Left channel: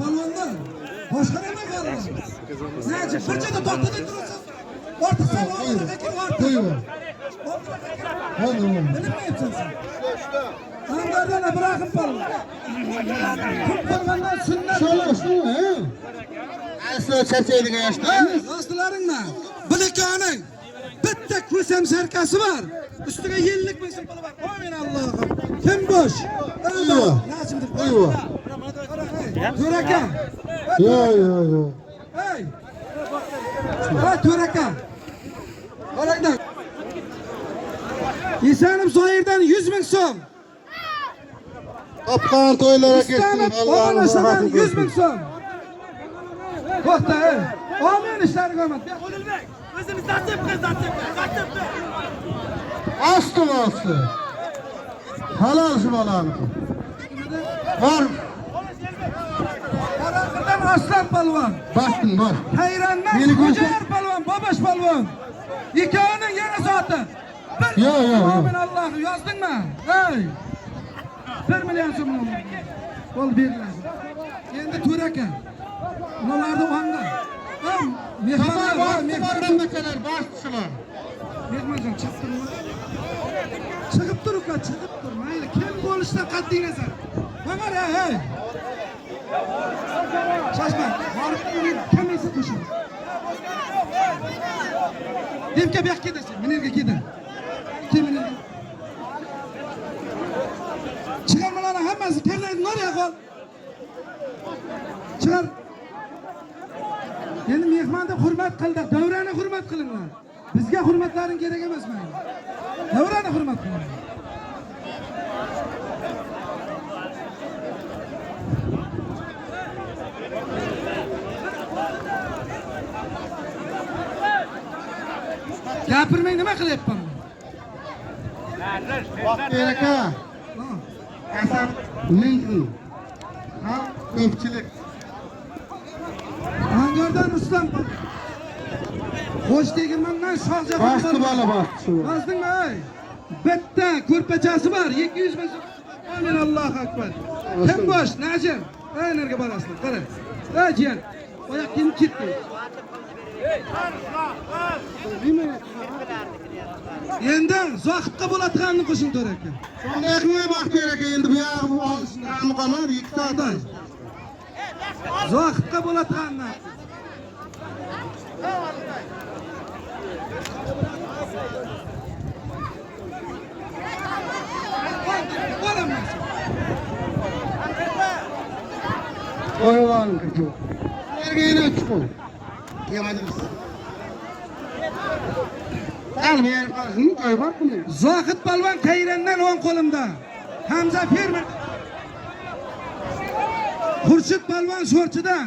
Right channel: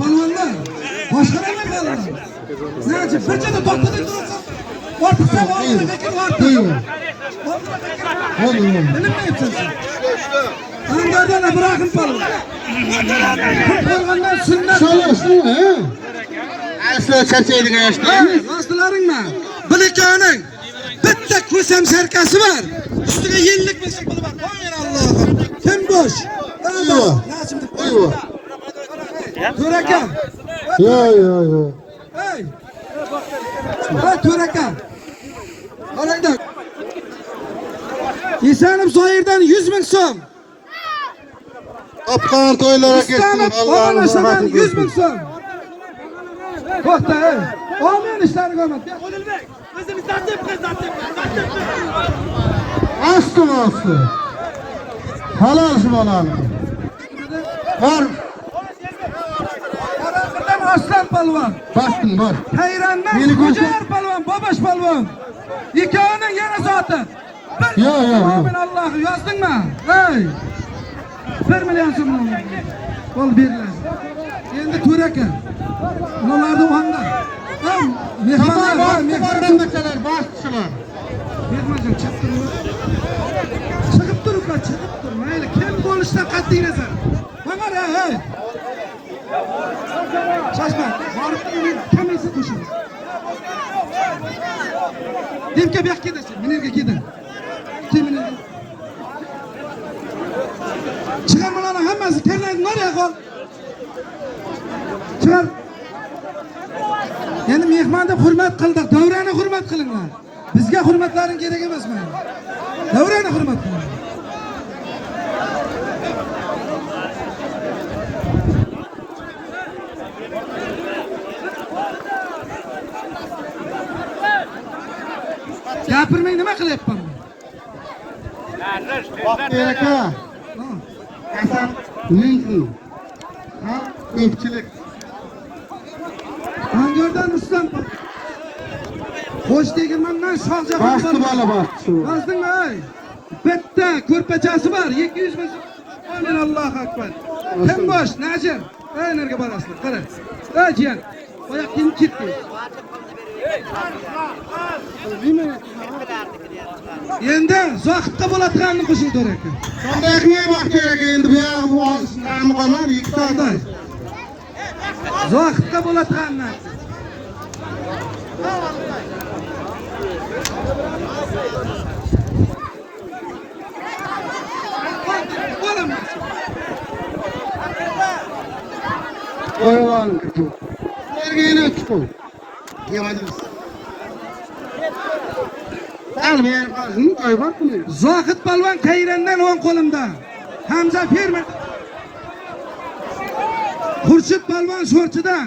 Palvonlar. Boshqarma palvon. Nechun birchada to'xtatib turasiz. Ortiqcha vaqtga ortiq. Nima aytasiz? Angardan Ibrohim palvon. Palvondan sunnat. Shalashmi, ha? Aslo charchaydigan yoshda. Rostlaringmi? Bilikoning bitta ko'sam sarkasi bor. Ustiga yillik bo'lsin puli bor. Qo'ying Allohim. Kim bo'sh? Ayvo. Ayvo. To'raka. Yo. Hey. Ha, to'raka. Qaranglar. Esanim Zoirdan 100 ming so'm. Opqon to'ylarga ketsin. Allohdan 100 ming so'm. To'xta, ey. Olmayın işlerini görmedi. Özünü satayım. Aslı. Halal şu balam. Var. Karanlıktan Aslan palvon. Bastın var. Tayrandan Kocar palvon, Babaş palvon. İkağının yana zatı. Yo. Amin Allah'ı yazdın mı? Hey. 1 milyon so'm. Ol beriladi. Endi to'raka. Ularni o'ngda. Mehmonlar bastışılar. Mehmonjon chiqib tur, mayli kim bo'lishdan qat'iy nazar. Qamar, hey. Shoshma, borib kamasi qo'shing. Demka bu yoqqa kedasan, minerga keda. Minerga. Chiqarmalarning hammasi terlaydi, nariga qol. Chiqar. Endi mehmonga hurmat qildik, davrani hurmat qilinglar. Bizga hurmatlaring kerak emas mana. Davrani hurmat qiling. Gapirmay nima qilyapman? Vaqt aka. Hasan Linki. Ha? Ko'pchilik. Angardan Ruslan. Xo'sh deganman, shohjahon. Bastı bala bastı. Bazdingmi, ey? Bitta ko'rpachasi bor, 200 ming. Amin Allohu akbar. Kim bosh, Najim? Ey, nerga borasizlar? Qara. Ey, jiyan. Oyoq kim ketdi? Endi zohidga bo'ladiganni qo'shing to'raka. Qanday qilib vaqt kerak endi bu yo'q qolmadi, ikki soatdan. Zohidga bo'ladiganni. Qo'ygan kichu. Nerga chiqib? Yemadimiz. Almen qazini qo'yibmi? Zohid palvon Tayrandan o'ng qo'limda. Hamza fermer. Xurshid palvon Sho'rchidan.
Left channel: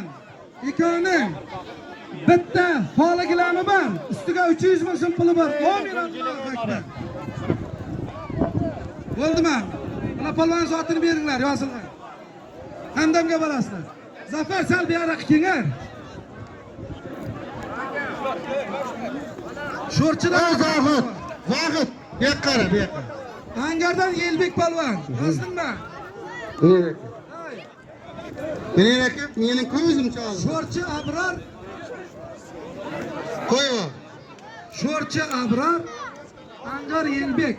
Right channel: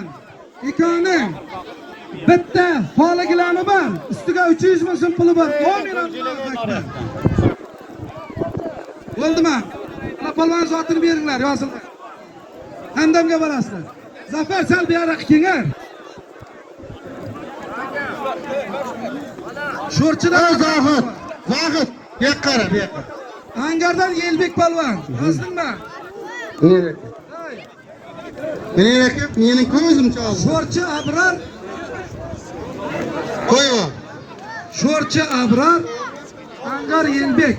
Ikoni bitta poligilami bor. Ustiga 300 ming so'm puli bor. Bo'ldimi? Mana palvon zotini beringlar, yozinglar. Handamga borasizlar. Zafar sal buyroq kelinglar. Sho'rchidan Zohid. Bu yoqqa qara. Angardan Yelbek palvon. Yozdingmi? Meni ko'zim chaldi. Sho'rchi Abrar. Qo'yva. Sho'rchi Abrar. Angar Yelbek.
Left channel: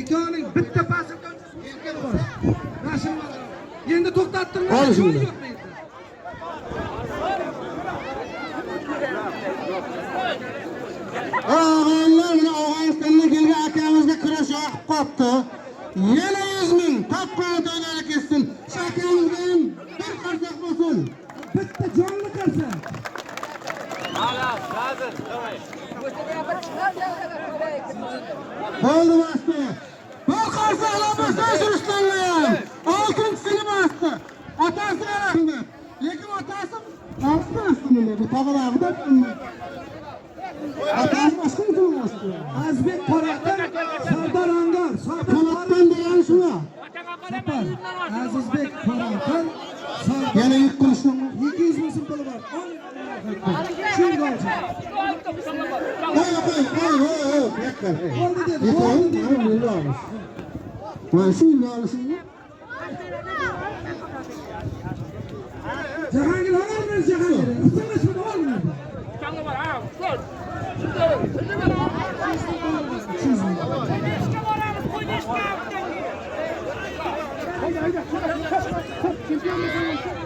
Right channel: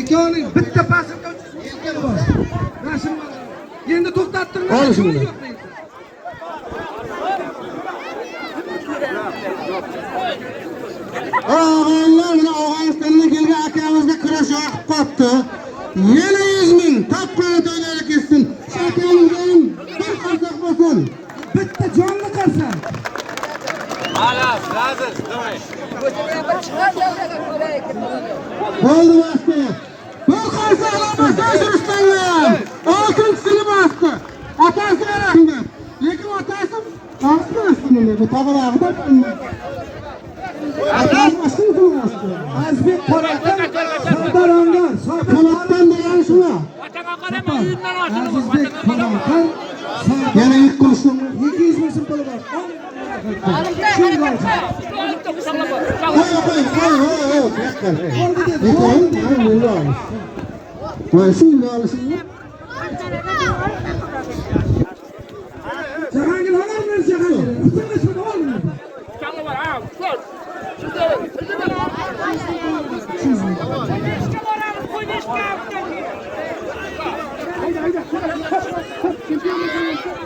Ikkovining bitta pasida yelkan bor. Rasm bor. Endi to'xtatdim. Ol shuni. Avvallar Afg'onistondan kelgan akamizga kurash yoqib qopti. 700 ming topqani to'ylarga ketsin. Shakamizdan bir qarsak bo'lsin. Bitta jonli qarsa. Bo'ldi bastı. Bu qarsaklarni tasirishdan. Oltinchisini bastı. Otasi rahimda. Lekin otasi ortga bu tog'larida Azbek Qoradan Sardoranga Polatdan degan shuna. Azizbek Qoradan Yana ilk kursun. 200 ming so'm puli bor.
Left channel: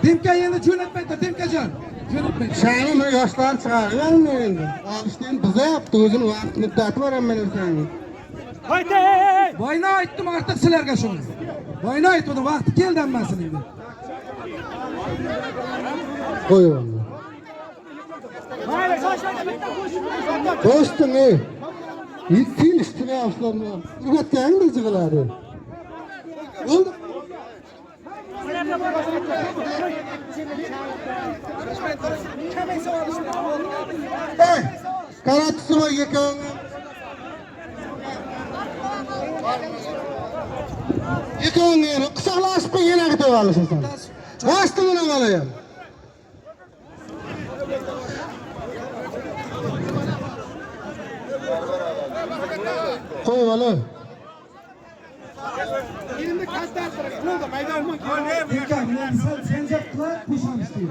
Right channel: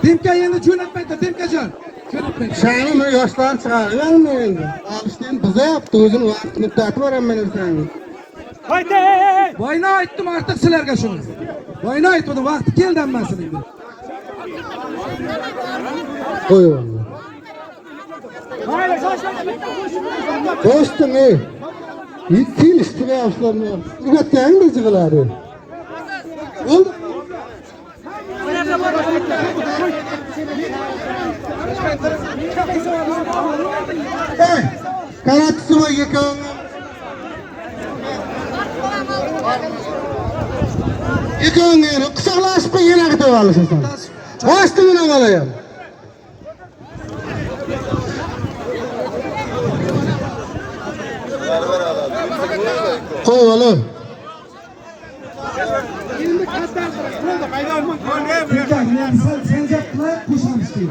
Dimka endi jo'natmaydi, Dimkajon. Jo'natmaydi. Şanım yoshlar chiqarganmen. Alishdan biza yaptı o'zim vaqt muddati beraman seni. Haydi! Boyna aytdim artıq sizlarga shuni. Boyna aytdim, vaqti keldi hammasini endi. Qo'y. Dostum ey. Yetkin istiyorlarını. Üretken de çıkıları. Oldu. Kanatısı var yıkağın. Yıkağın yeri. Kısalaşıp yine gidiyor alışın sen. Başta yine alayım. Koy oğlum. Sen yaptılar, kuşamış değil.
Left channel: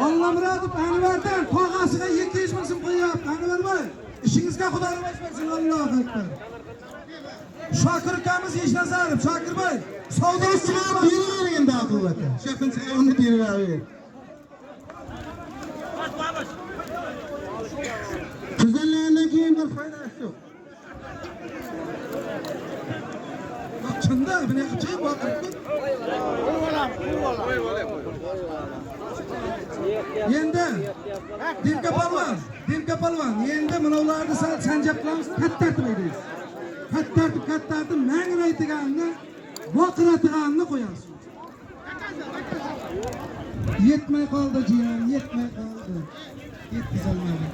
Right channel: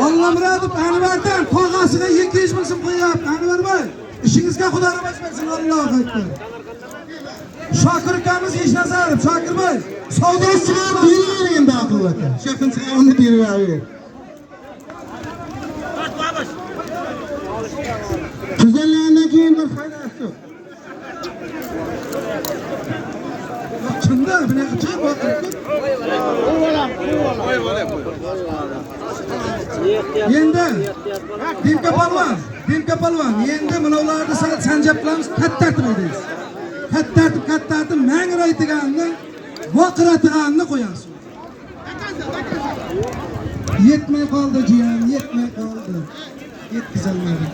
Allah muradib Anvardan tog'asiga 200 ming so'm qo'yapti. Anvar boy, ishingizga Xudo rahmat bersin. Allohu akbar. Shokir ukamiz Eshnazarov, Shokir boy, savdosini Bilmiyorum endi akıllata. Şefin sınavını bir ver. Güzelliğinden keyin bir faydası yok. Bak kimda bunaqa chiqib o'tiribdi. Endi Dimka polvon, endi bularni sanjab qilamiz, katta tartib edingiz. Katta tartib mangraytiganni, voqiratiganni qo'yasiz. Yetmay qoldi jiyan, yetmay qoldi. Yetkazolmadim.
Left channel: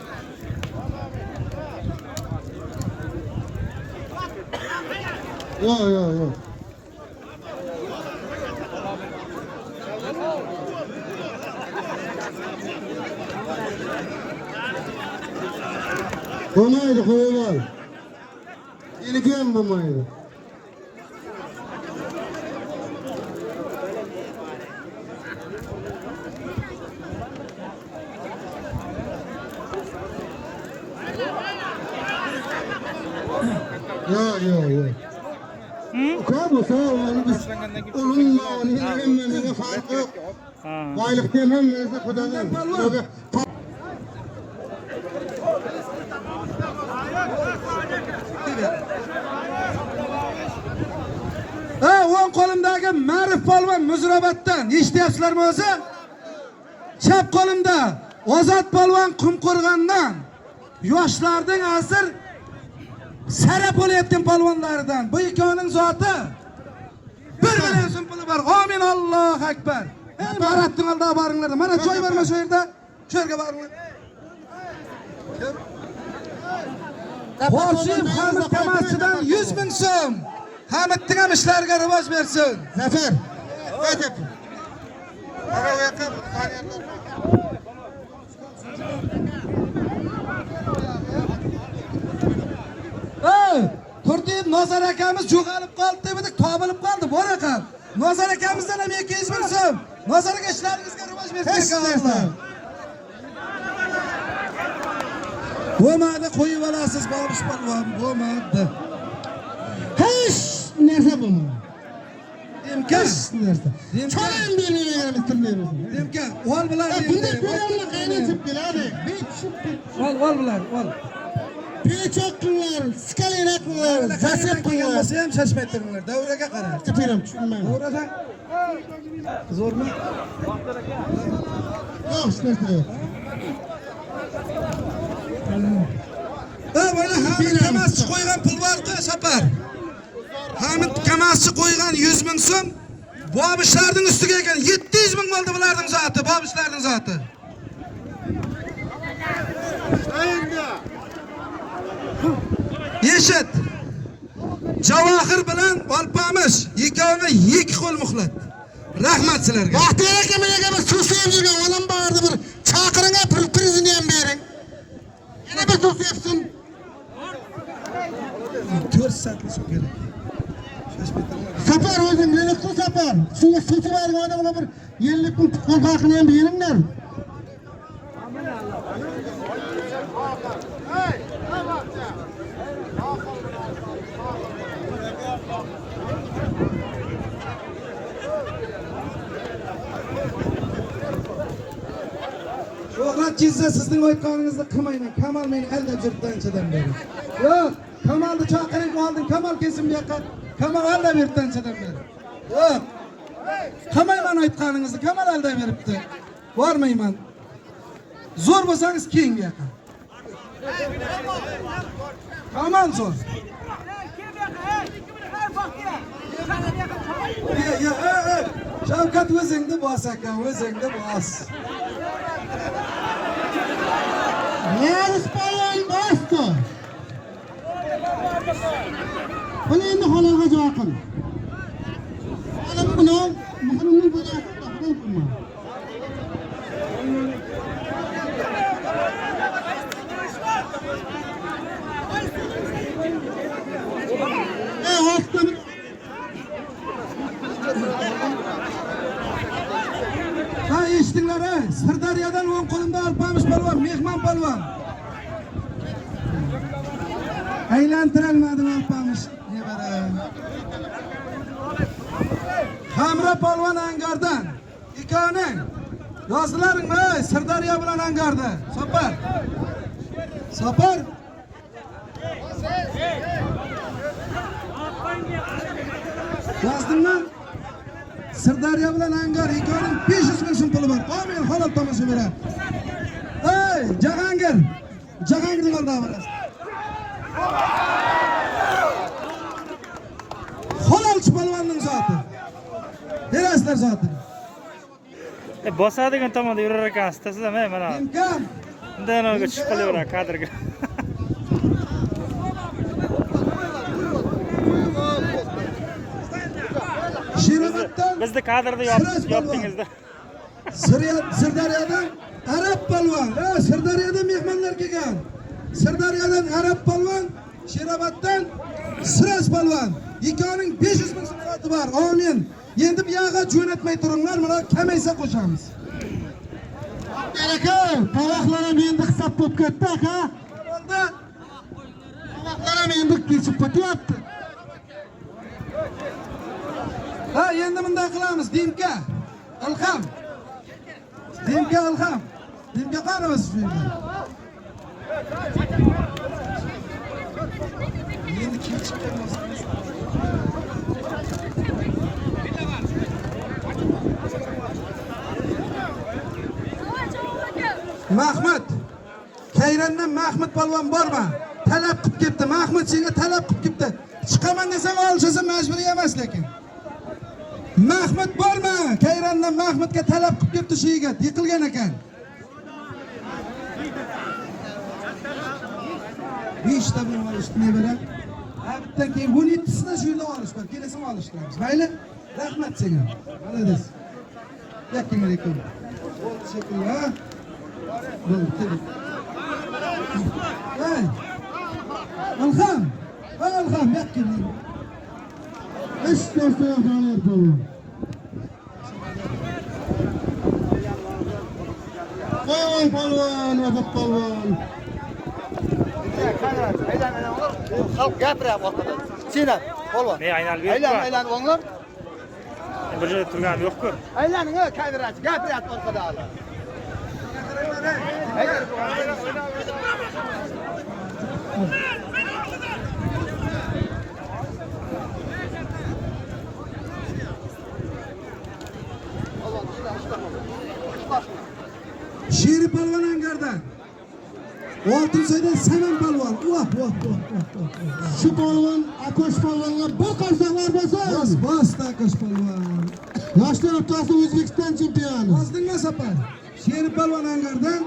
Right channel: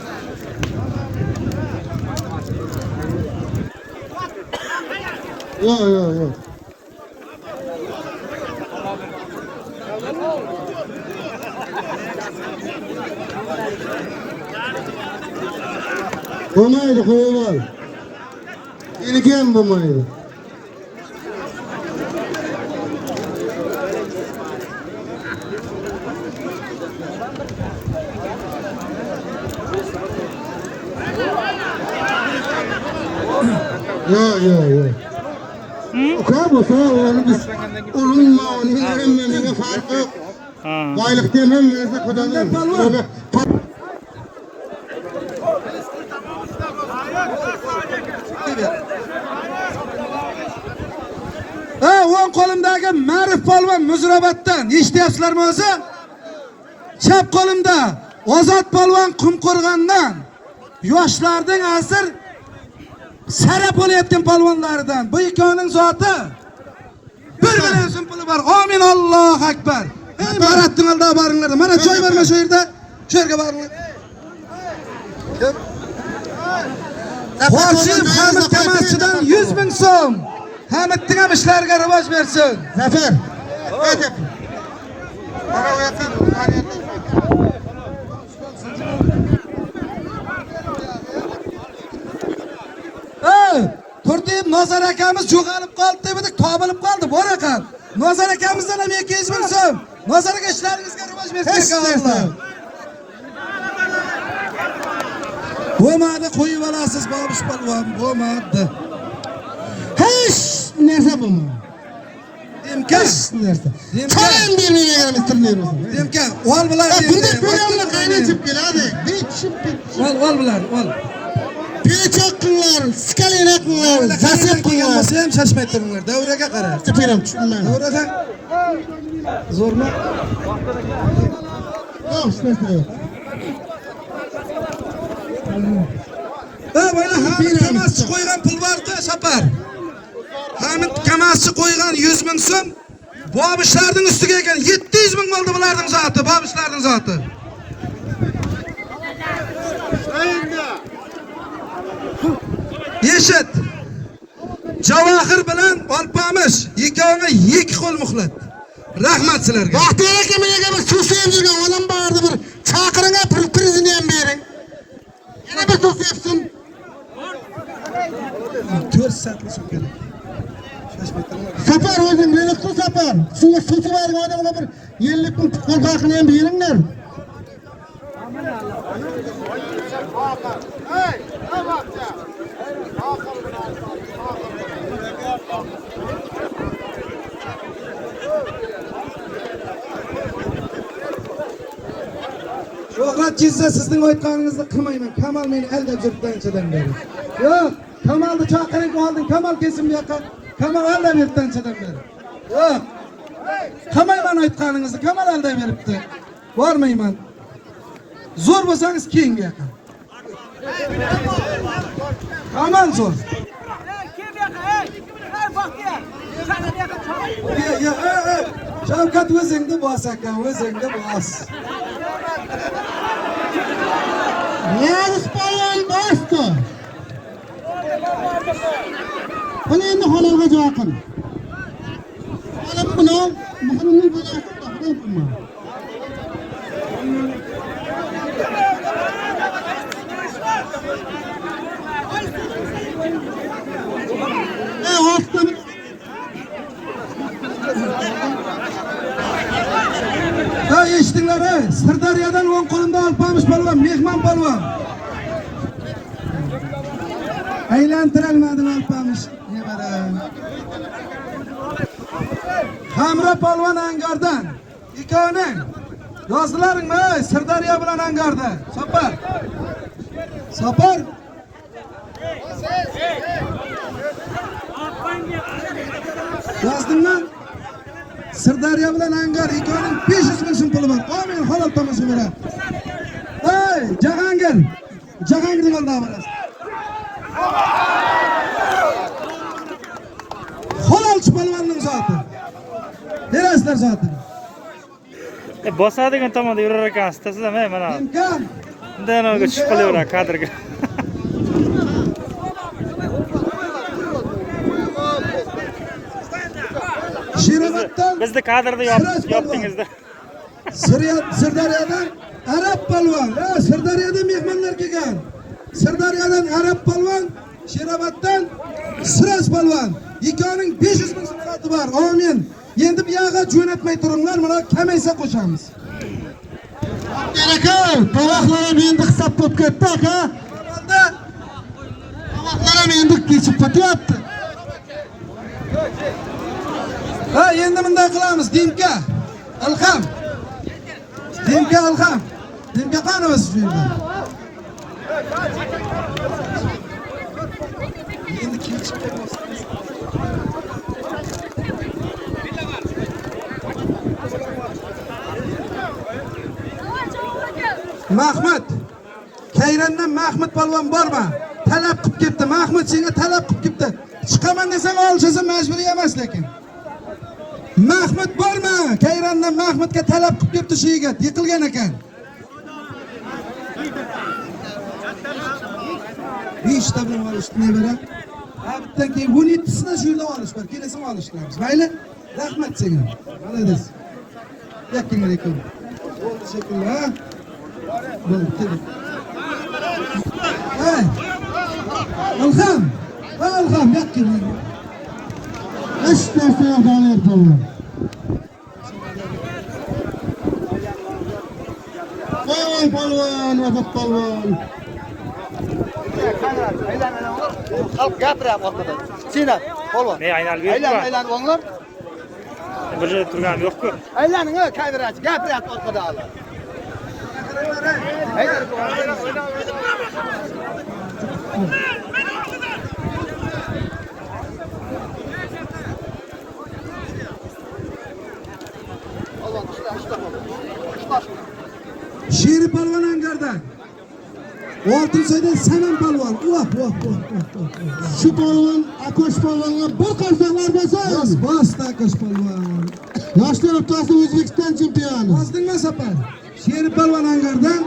Yok. Olmaydı koyuval. İlken bulmaydı. Yok. Kablosa onu biz olunma onu inanmamaya fark yok. Baylık demem neyse kudanım. O'ng qo'limdagi Ma'rif polvon Muzrabatdan eshityapsizlarmi o'zi? Chap qo'limda Ozod polvon Qumqo'rg'ondan yoshlarning asr sarap bo'layotgan polvonlaridan. Bu ikkovining zoti 1 million so'm puli bor. Amin, Allohu akbar. Ey Maratning oldiga boringlar. Mana joy berma shu yerda. Shu yerga boringlar. Qo'shib Hamid Kamaschidan 100 ming so'm. Hamidning ham ishlariga rivoj bersin. Zafer. Turtib Nozar akamiz jo'g'alib qoldi dedik, topilib qoldi. Bor ekan. Nozar akamizdan ham 200 ming so'm. Nozarga ishlaringizga rivoj bersin inshaalloh. Bo'lmadi, qo'yib olasiz Bobish polvon, bo'lmadi. Hech narsa bo'lmadi. Dimka, Narsa. Cho'ran bermay ekanimiz turmaymiz. Dimka, ol bular Bunda ko'ramni qaynatib keladi. Ol bular, ol. Pechoq qilinglar, skalina qilinglar, zasib qilinglar. Bo'lsa ham shashmay turinglar. Davraga qara. Tepiram tushunmayman. Davradan zo'rmi? Yo'q, hech narsa yo'q. Mana Hamid Kamaschi qo'ygan pul bor-ku, Sapar. Hamid Kamaschi qo'ygan 100 ming so'm Bobishlarning ustiga ekan 700 ming bo'ldi bularning zoti, Bobishlarning zoti. Eshit. Javohir bilan Olpomish ikkoviga 2 qo'l muhlat. Rahmat sizlarga. Vaqtida akaga bir so'saydigan odam bordi, bir chaqiringa prizini ham bering. Yana bir so'sayapsin. satılsa kerak. Sapar o'zing meniqsin sapar. Shunga so'chmaydigan odamlar bir 50 kun qo'rqaqini ham beringlar. Shuhrat Jizza sizning aytganingizni qilmayman. Kamal meni aldab yuribdi anchadan beri. Yo'q, Kamalni chaqirib oldim. Kamal kelsin bu yoqqa. Kamal aldab yuribdi anchadan beri. Yo'q. Qilmayman aytganingizni. Kamal aldab yuribdi. Bormayman. Zo'r bo'lsangiz keyin bu yoqqa. Kamal zo'r. Ya, Shavkat o'zingni bos ekan, o'zingni bos. Yağız balon bastı. Hani endi haloga joqin. Mana buni muhrimni bo'layapti, taxdam qilma. Ostam. Ha eshitdinglar, Sirdaryodan o'ng qo'limda Alpamış polvon, mehmon polvon. Aylantirolmadim Alpamış. Nevara. Hamra polvon Angardan. Ikoning. Yozdilaringmi? Sirdaryo bilan Angarda. Sapar. Sapar. Yozdingmi? Sirdaryo bilan Angar ikoning 500 ming so'm puli bor. Amin, halol tomosha beradi. Ey, Jahongir. Jahongirning oldida borasiz. Halolchi polvonning zoti. Berasizlar zotini. Bosadigan tomonda yurar ekansiz, taslamay mana. Imkon. Undan olga chiqib qolaveradi kadrga. Shirinatdan Bizni kadrda yopdingizda. Sirdaryodan Arab polvon, Sirdaryoda mehmonlar kelgan. Sirdaryodan Arab polvon, Sheroboddan Siras polvon. Ikoning 500 ming so'm bor. Amin. Endi bu yoqqa jo'natmay turinglar, mana kamaysa qo'shamiz. Aka, tovoqlar ham endi hisob bo'lib ketdi aka. Tovoqlar ham endi kechib ketyapti. Ha, endi bunday qilamiz, Dimka. Ilham. Dimka Ilham. Dimka qani o'siz bu yerda? Endi kechib kelmoqsiz. Mahmud. Kayrandan Mahmud polvon borma. Talab qilib ketdi. Mahmud senga talab qilib ketdi. Chiqaman desang olishasan, majburiy emas lekin. Mahmud borma. Kayrandan Mahmudga talab qilib ketdi shu yigit. Yiqilgan ekan. 5 ta bilan olishdi ne bera? Bitta keyin 17 sini shu yerda olish bor. Kelasini olishlarmiz. Mayli? Rahmat senga. Malades. Yakkinga lekin. Bo'ldi shekilli, ha? Bo'ldi. Ilham. Ilham yakkinga. İşte sevdalar polvon. Voy polvon, vafot polvon. Xalq gapiryapti orqadan. Senat, polvon. Ne aylanib yuribdi? Aylanib o'nglar. Bir joyda turganim yo'q-ku. Aylaning, kamerachi gapiryapti orqada hali. Sheri polvon Angardan. Oltinsoydan Saman polvon. Şu polvon, Akosh polvonga bir qarsaklar bo'lsa. Bos Akosh polvon. Yoshlar o'rtasida O'zbekiston chempioni. Bozdingmi sapar? Sheri polvon Angardan.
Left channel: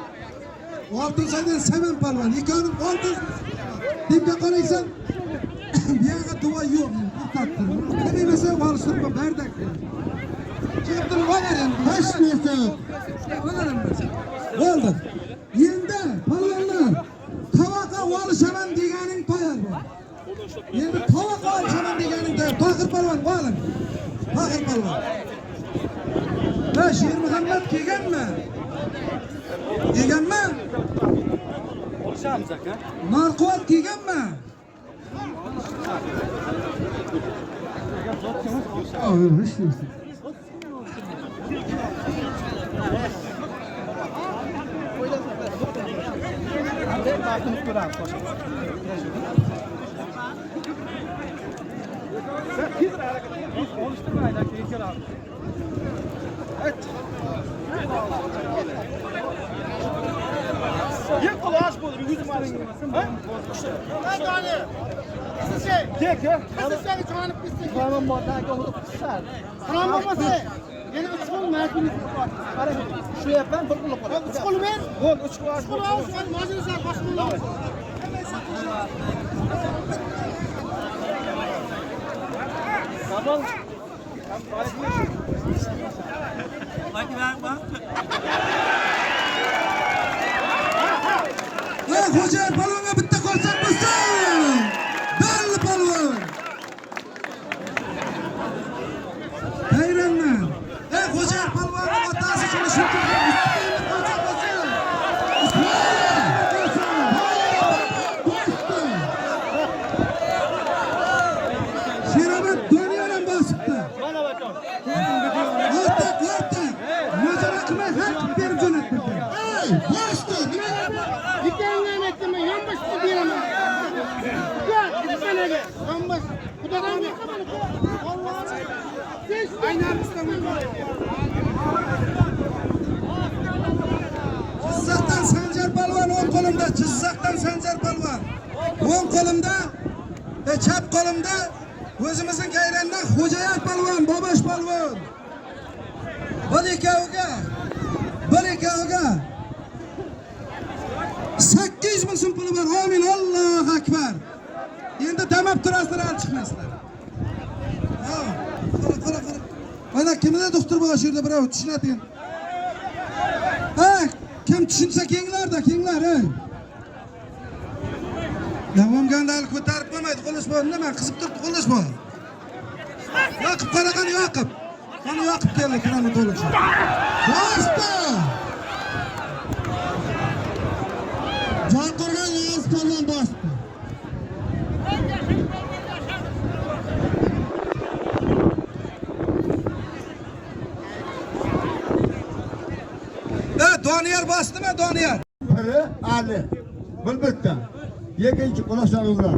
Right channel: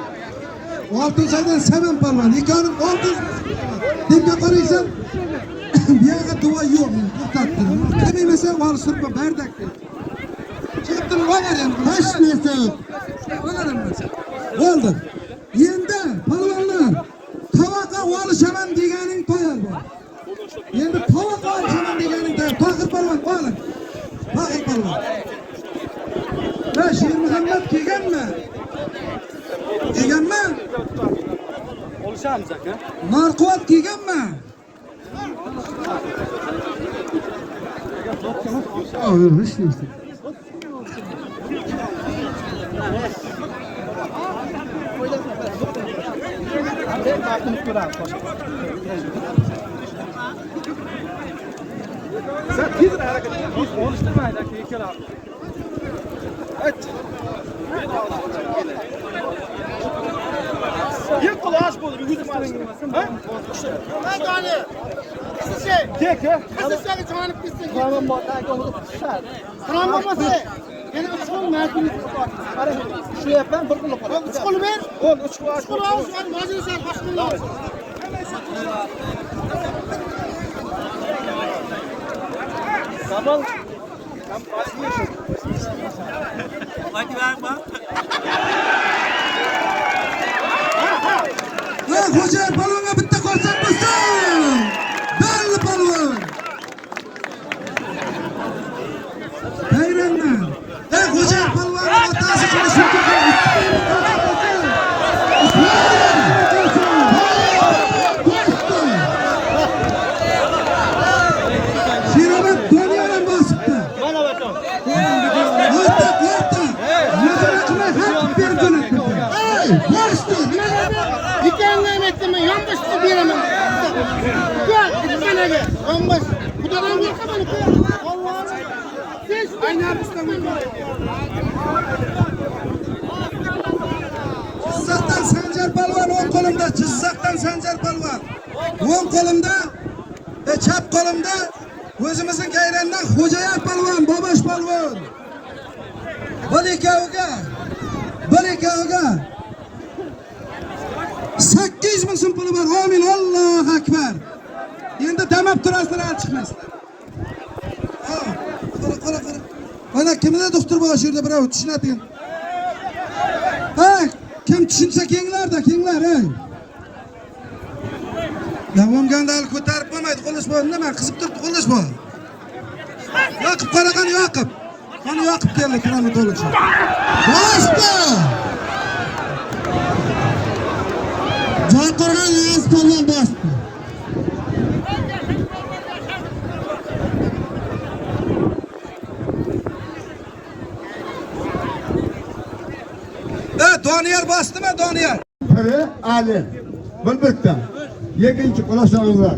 Oltinsoydan Saman polvon. Ikoning 600 deb qaraysan. Bu yoqqa duo yo'q. To'xtatdim. Qilmaysan olishib bardak. Chepdim onadan. Hoş neyse. Bo'ldi. Endi polvonlar tovoqqa olishaman deganing to'yar bor. Endi tovoq narkoat kiyganmi? Kiyganmi? Oluşamiz aka. Narkoat kiyganmi? Sen tez hareket et. Oluşturmayın aka. İlker abi. Bir kulaş bulur. Yüzü kırın. Ha? Gel gel. Tamam bak. Tamam olmasa. Benim 3 kol mümkün kapat. Ara şu yapan bir kol kapat. 3 kol ver. Ol 3 kol. 3 kol al. Mazin sen başını. Tamam. Hoca balonga bitta ko'rsak bo'lsin. Belli balon. Hayranman. Hoca balonga otasi Şirabat dönüyorum basıpta. Bana bakalım. Dükkandan etme, yanlış diyemem. Gel, dükkana gel. Yanlış. Bu da ben yakamadım. Allah'ım. Aynı arasında Cizzaxdan Sanjar Palvon o'ng qo'limda, Jizzaxdan Sanjar Palvon. O'ng qo'limda, chap qo'limda o'zimizning Gayrandan Xo'jayar Palvon, Bobosh Palvon. Bir ikkoviga 800 ming so'm puli bor. Amin, Allohu akbar. Endi damab turasizlar, al chiqmasizlar. Qara. Mana kimda doktor bor shu yerda birov tushunadigan. Ha, kim tushunsa kenglar, ey. Davomganda hali ko'tarib bo'lmaydi, qo'llash bor. Nima qizib turibdi, qo'llash bor. Yoqib qaraqan Yoqib. Qani Yoqib keldi, kirani to'liqcha. Bosdi! Joy qurgan yoz qo'ldan bosdi. Doniyor bosdimi, Doniyor? Biri Ali, bir bitta. Ikkinchi qulashlaringlar.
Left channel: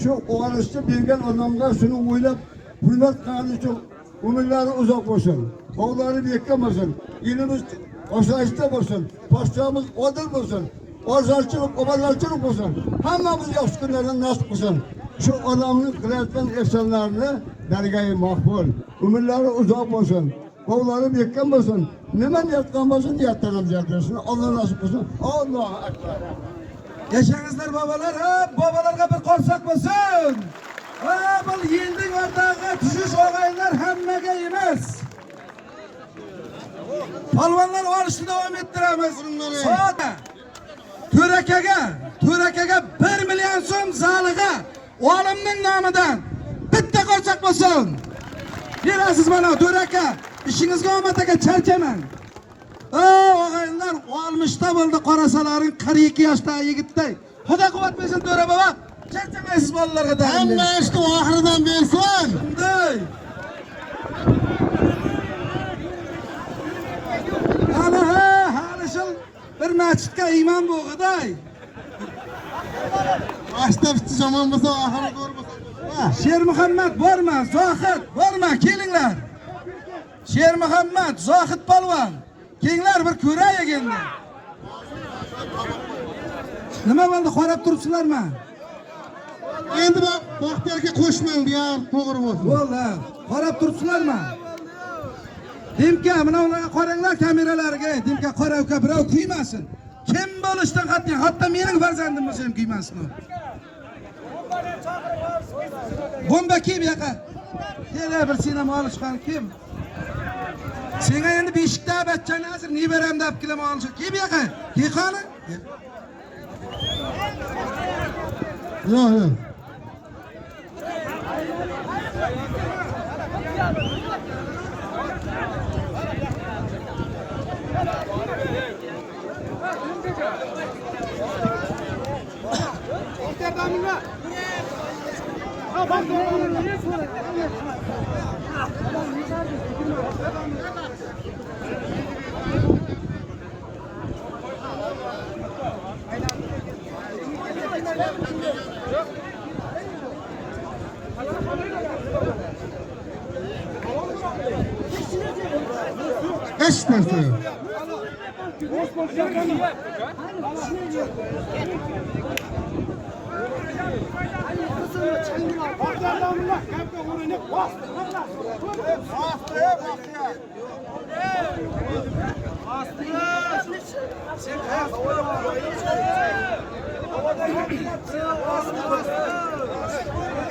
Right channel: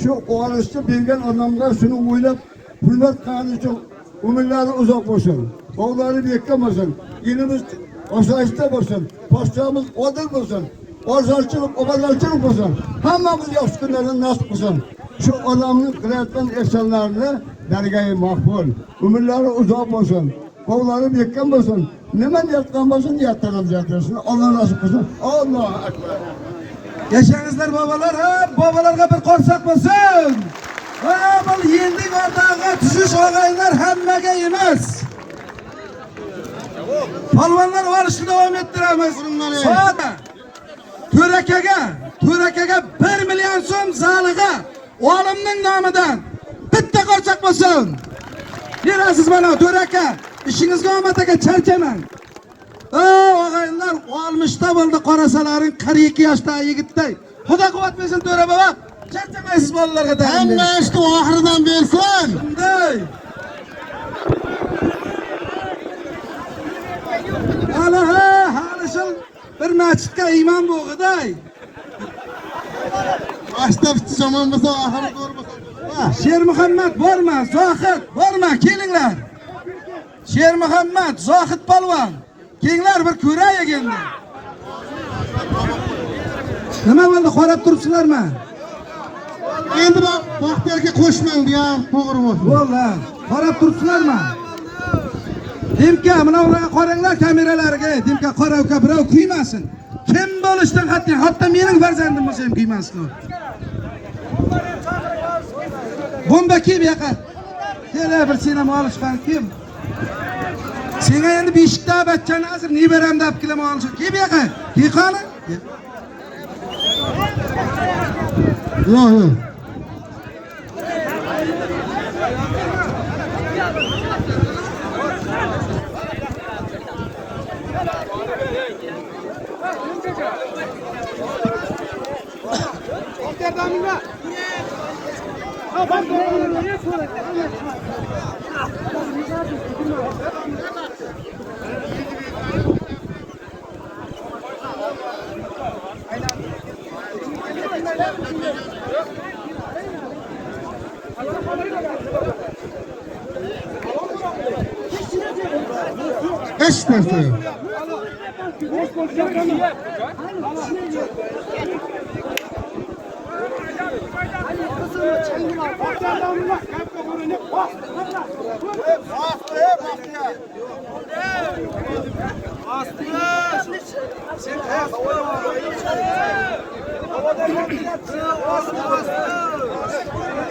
Shu o'g'lishni bergan odamlar shuni o'ylab, hurmat qilgani uchun umrlari uzoq bo'lsin. O'g'lari bekka bo'lsin. Elimiz osoyishta bo'lsin. Podshomiz odil bo'lsin. Ozorchilik, obodonchilik bo'lsin. Hammamiz yaxshi kunlardan nasib qilsin. Shu odamning qilayotgan ehsonlarini dargohi maqbul. Umrlari uzoq bo'lsin. Qo'llari bekkan bo'lsin. Nima niyatdan bo'lsin, niyatdan jazasin. Alloh nasib qilsin. Allohu akbar. Yaşangizlar babalar, babalarga bir qorsak bo'lsin. Mana bu yilning o'rtog'iga tushish og'aylar hammaga emas. Polvonlar olishni davom ettiramiz. So'da To'rakaga 1 million so'm zaliga olimning nomidan bitta qorsak bo'lsin. Berasiz mana To'raka, ishingizga omad aka, charchamang. Og'aylar 60 ta bo'ldi, qarasalaring 42 yoshda yigitday. Xudo quvvat bersin To'ra bobo. Charchamaysiz bolalarga da. Hamma ishni oxiridan bersin. Bunday. Hali shul bir masjidga imom bo'lg'iday. Boshda bitta zamon bo'lsa, oxiri ko'rib. Sher Muhammad borma, Zohid borma, kelinglar. Sher Muhammad, Zohid polvon. Kelinglar bir ko'raylik endi. Nima bo'ldi, qarab turibsizlarmi? Endi Baxtiyorga qo'shmang deya, to'g'ri bo'ldi. Bo'ldi. Qarab turibsizlarmi? Dimka, mana ularga qaranglar kameralarga. Dimka qora uka birov kuymasin. Kim bo'lishdan qat'iy, hatto mening farzandim bo'lsa ham kuymasin. Bomba kim yoqa? Kela bir sinema olishgan kim? Senga endi beshikda bachchani hozir nevaram deb kelama olish. Kim yoqa? Kiyqani? Yo'q. Hiç nerede?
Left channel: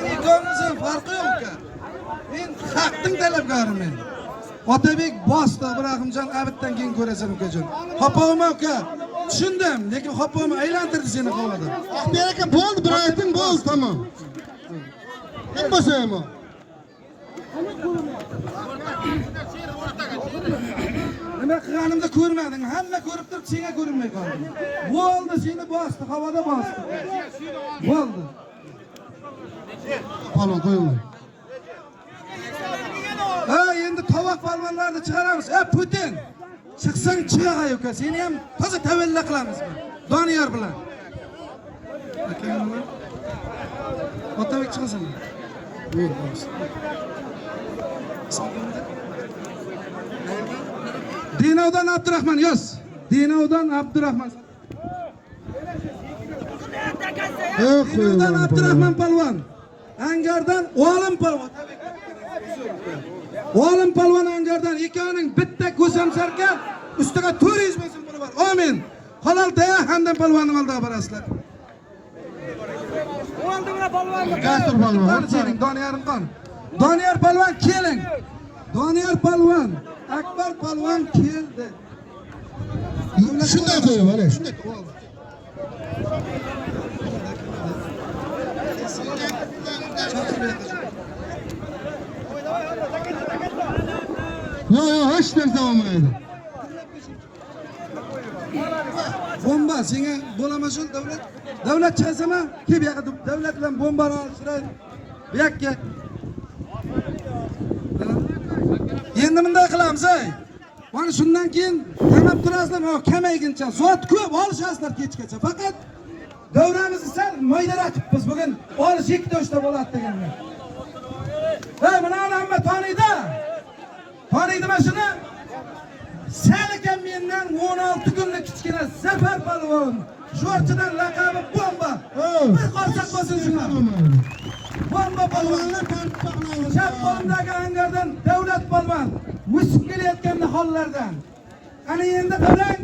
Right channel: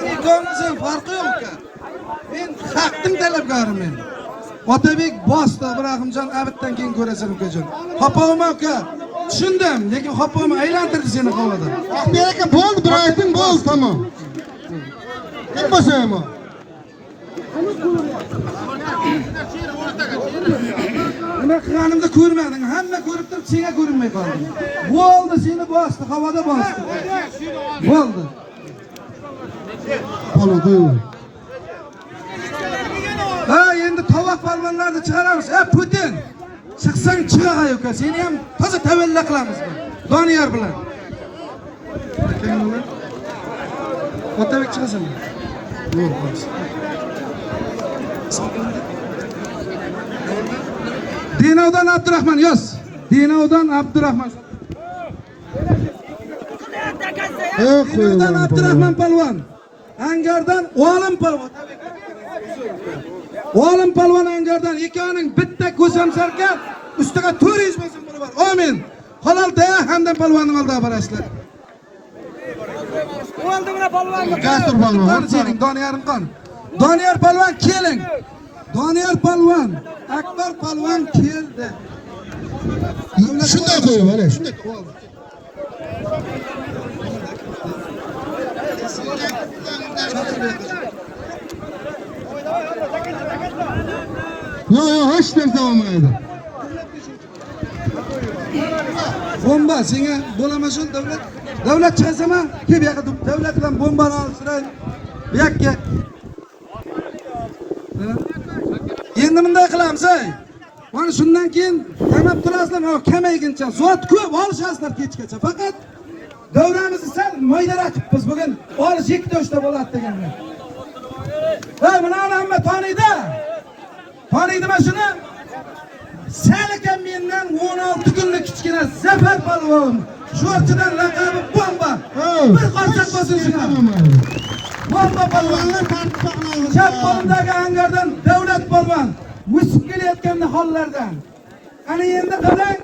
İkonimizin farkı yok ki. Men haqqning talabgoriman. Otabek bosdi Ibrohimjon abitdan keyin ko'rasan ukajon. Hopavma uka. Tushundim, lekin hopavma aylantirdi seni havoda. Ahmet aka bo'ldi, bir ayting bo'ldi, tamam. Kim bo'lsa ham. Nima qilganimda ko'rmading, hamma ko'rib turib senga ko'rinmay qoldi. Bo'ldi, seni bosdi, havoda bosdi. Bo'ldi. Bo'ldi. Ha, endi tovoq palvonlarni chiqaramiz. Putin. Chiqsang chiqay uka, seni ham toza tavalla qilamiz. Doniyor bilan. Otabek chiqasan. Yo'q, bo'lsin. Dinovdan Abdurahmon yoz. Dinovdan Abdurahmon. Dinovdan Abdurahmon palvon. Angardan Olim palvon. Olim palvon Angardan ikkovining bitta ko'zam sarkan, ustiga 400 ming so'm puli bor. Amin. Halol da hamdan palvonning oldiga borasizlar. Qaysi palvon? Sening Doniyorim qon. Doniyor palvon keling. Doniyor palvon, Akbar palvon keldi. Shunday qo'yib, mana shunday. Yo, hech narsa olmaydi. Bomba senga bo'lamasin davlat. Davlat chiqasama, ke bu yoqqa davlat bilan bombani olsiray. Bu yoqqa. Endi bunday qilamiz, ey. Mana shundan keyin qamab turasizlar, kamayguncha zot ko'p olishasizlar kechgacha. Faqat davramizni sal maydalatibmiz bugun. Olish 2-3 ta bo'ladi deganlar. Ha, buni hamma taniydi. Taniydimi shuni? Sen ekan mendan 16 kunlik kichkina Zafar palvon. Sho'rchidan laqabi bomba. Bir qarsak bo'lsin shuna. Bomba palvonlar tartiblanadi. Chap qo'limdagi Angardan davlat palvon. O'sib kelayotgan hollardan. Ana endi qarang.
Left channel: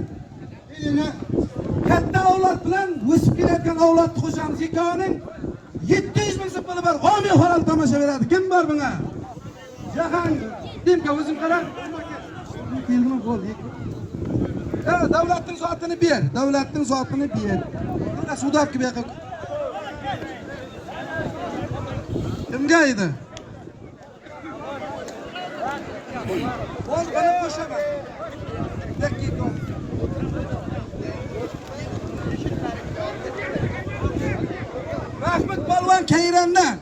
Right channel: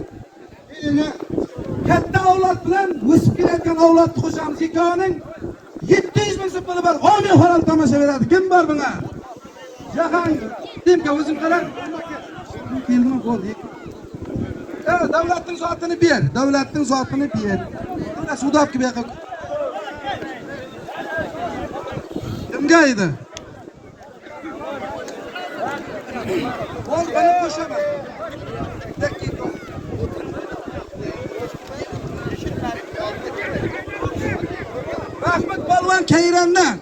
Katta avlod bilan o'sib kelayotgan avlodni qo'shamiz. Ikkovining 700 ming so'm puli bor. Omin halol tomosha beradi. Kim bor bunga? Jahon Demka o'zim qarang. Keldimi bo'ldi. Davlatning zotini ber. Davlatning zotini ber. Mana sudobki bu yoqqa. Kimga edi? Bo'l, buni qo'shaman. Rahmat palvon Kayrondan.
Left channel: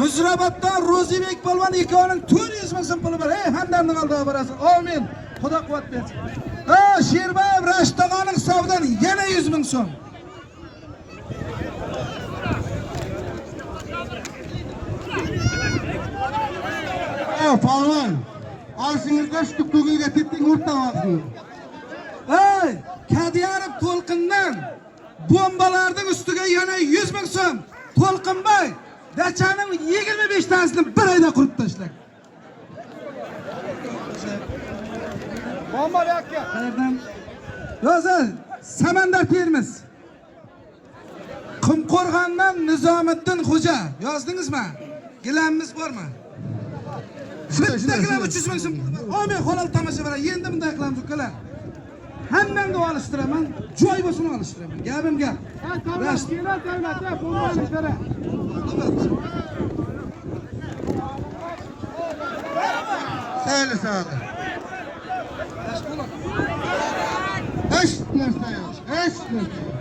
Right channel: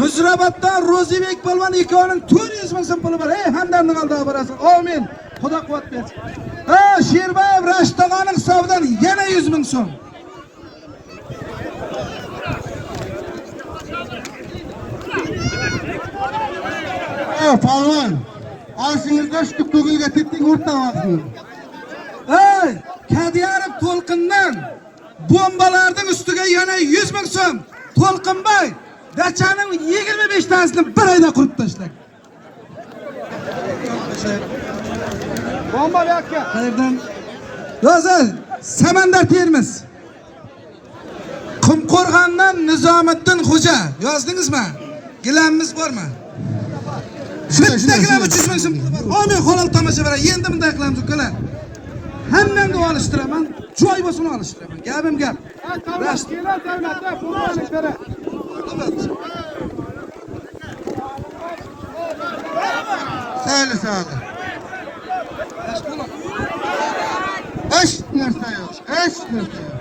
Muzrabatdan Ro'zibek palvon ikkovining 400 ming so'm puli bor. Ey, hamdamning oldiga borasan. Amin. Xudo quvvat bersin. Ha, Sherbayev Rashid tog'aning hisobidan yana 100 ming so'm. Palvon. Oshingizda shu to'g'ilga ketdik o'rta vaqtni. Ey, Kadiyarov To'lqindan bombalarning ustiga yana 100 ming so'm. To'lqinboy dachaning 25 tanesini bir oyda qurib tashladi. Bomba yo'qqa. Qayerdan? Yozil, Samandar Termiz. Qumqo'rg'ondan Nizomiddin Xo'ja. Yozdingizmi? Gilamimiz bormi? Bitta gilam 300 ming so'm. Amin, halol tomosha beradi. Endi bunday qilamiz ukalar. Hammani olishtiraman, joy bo'lsin olishtiraman. Gapim gap. Rast. Davlatda pulni beradi. Sayli. Tashqi Hech narsa yo'q. Hech narsa yo'q.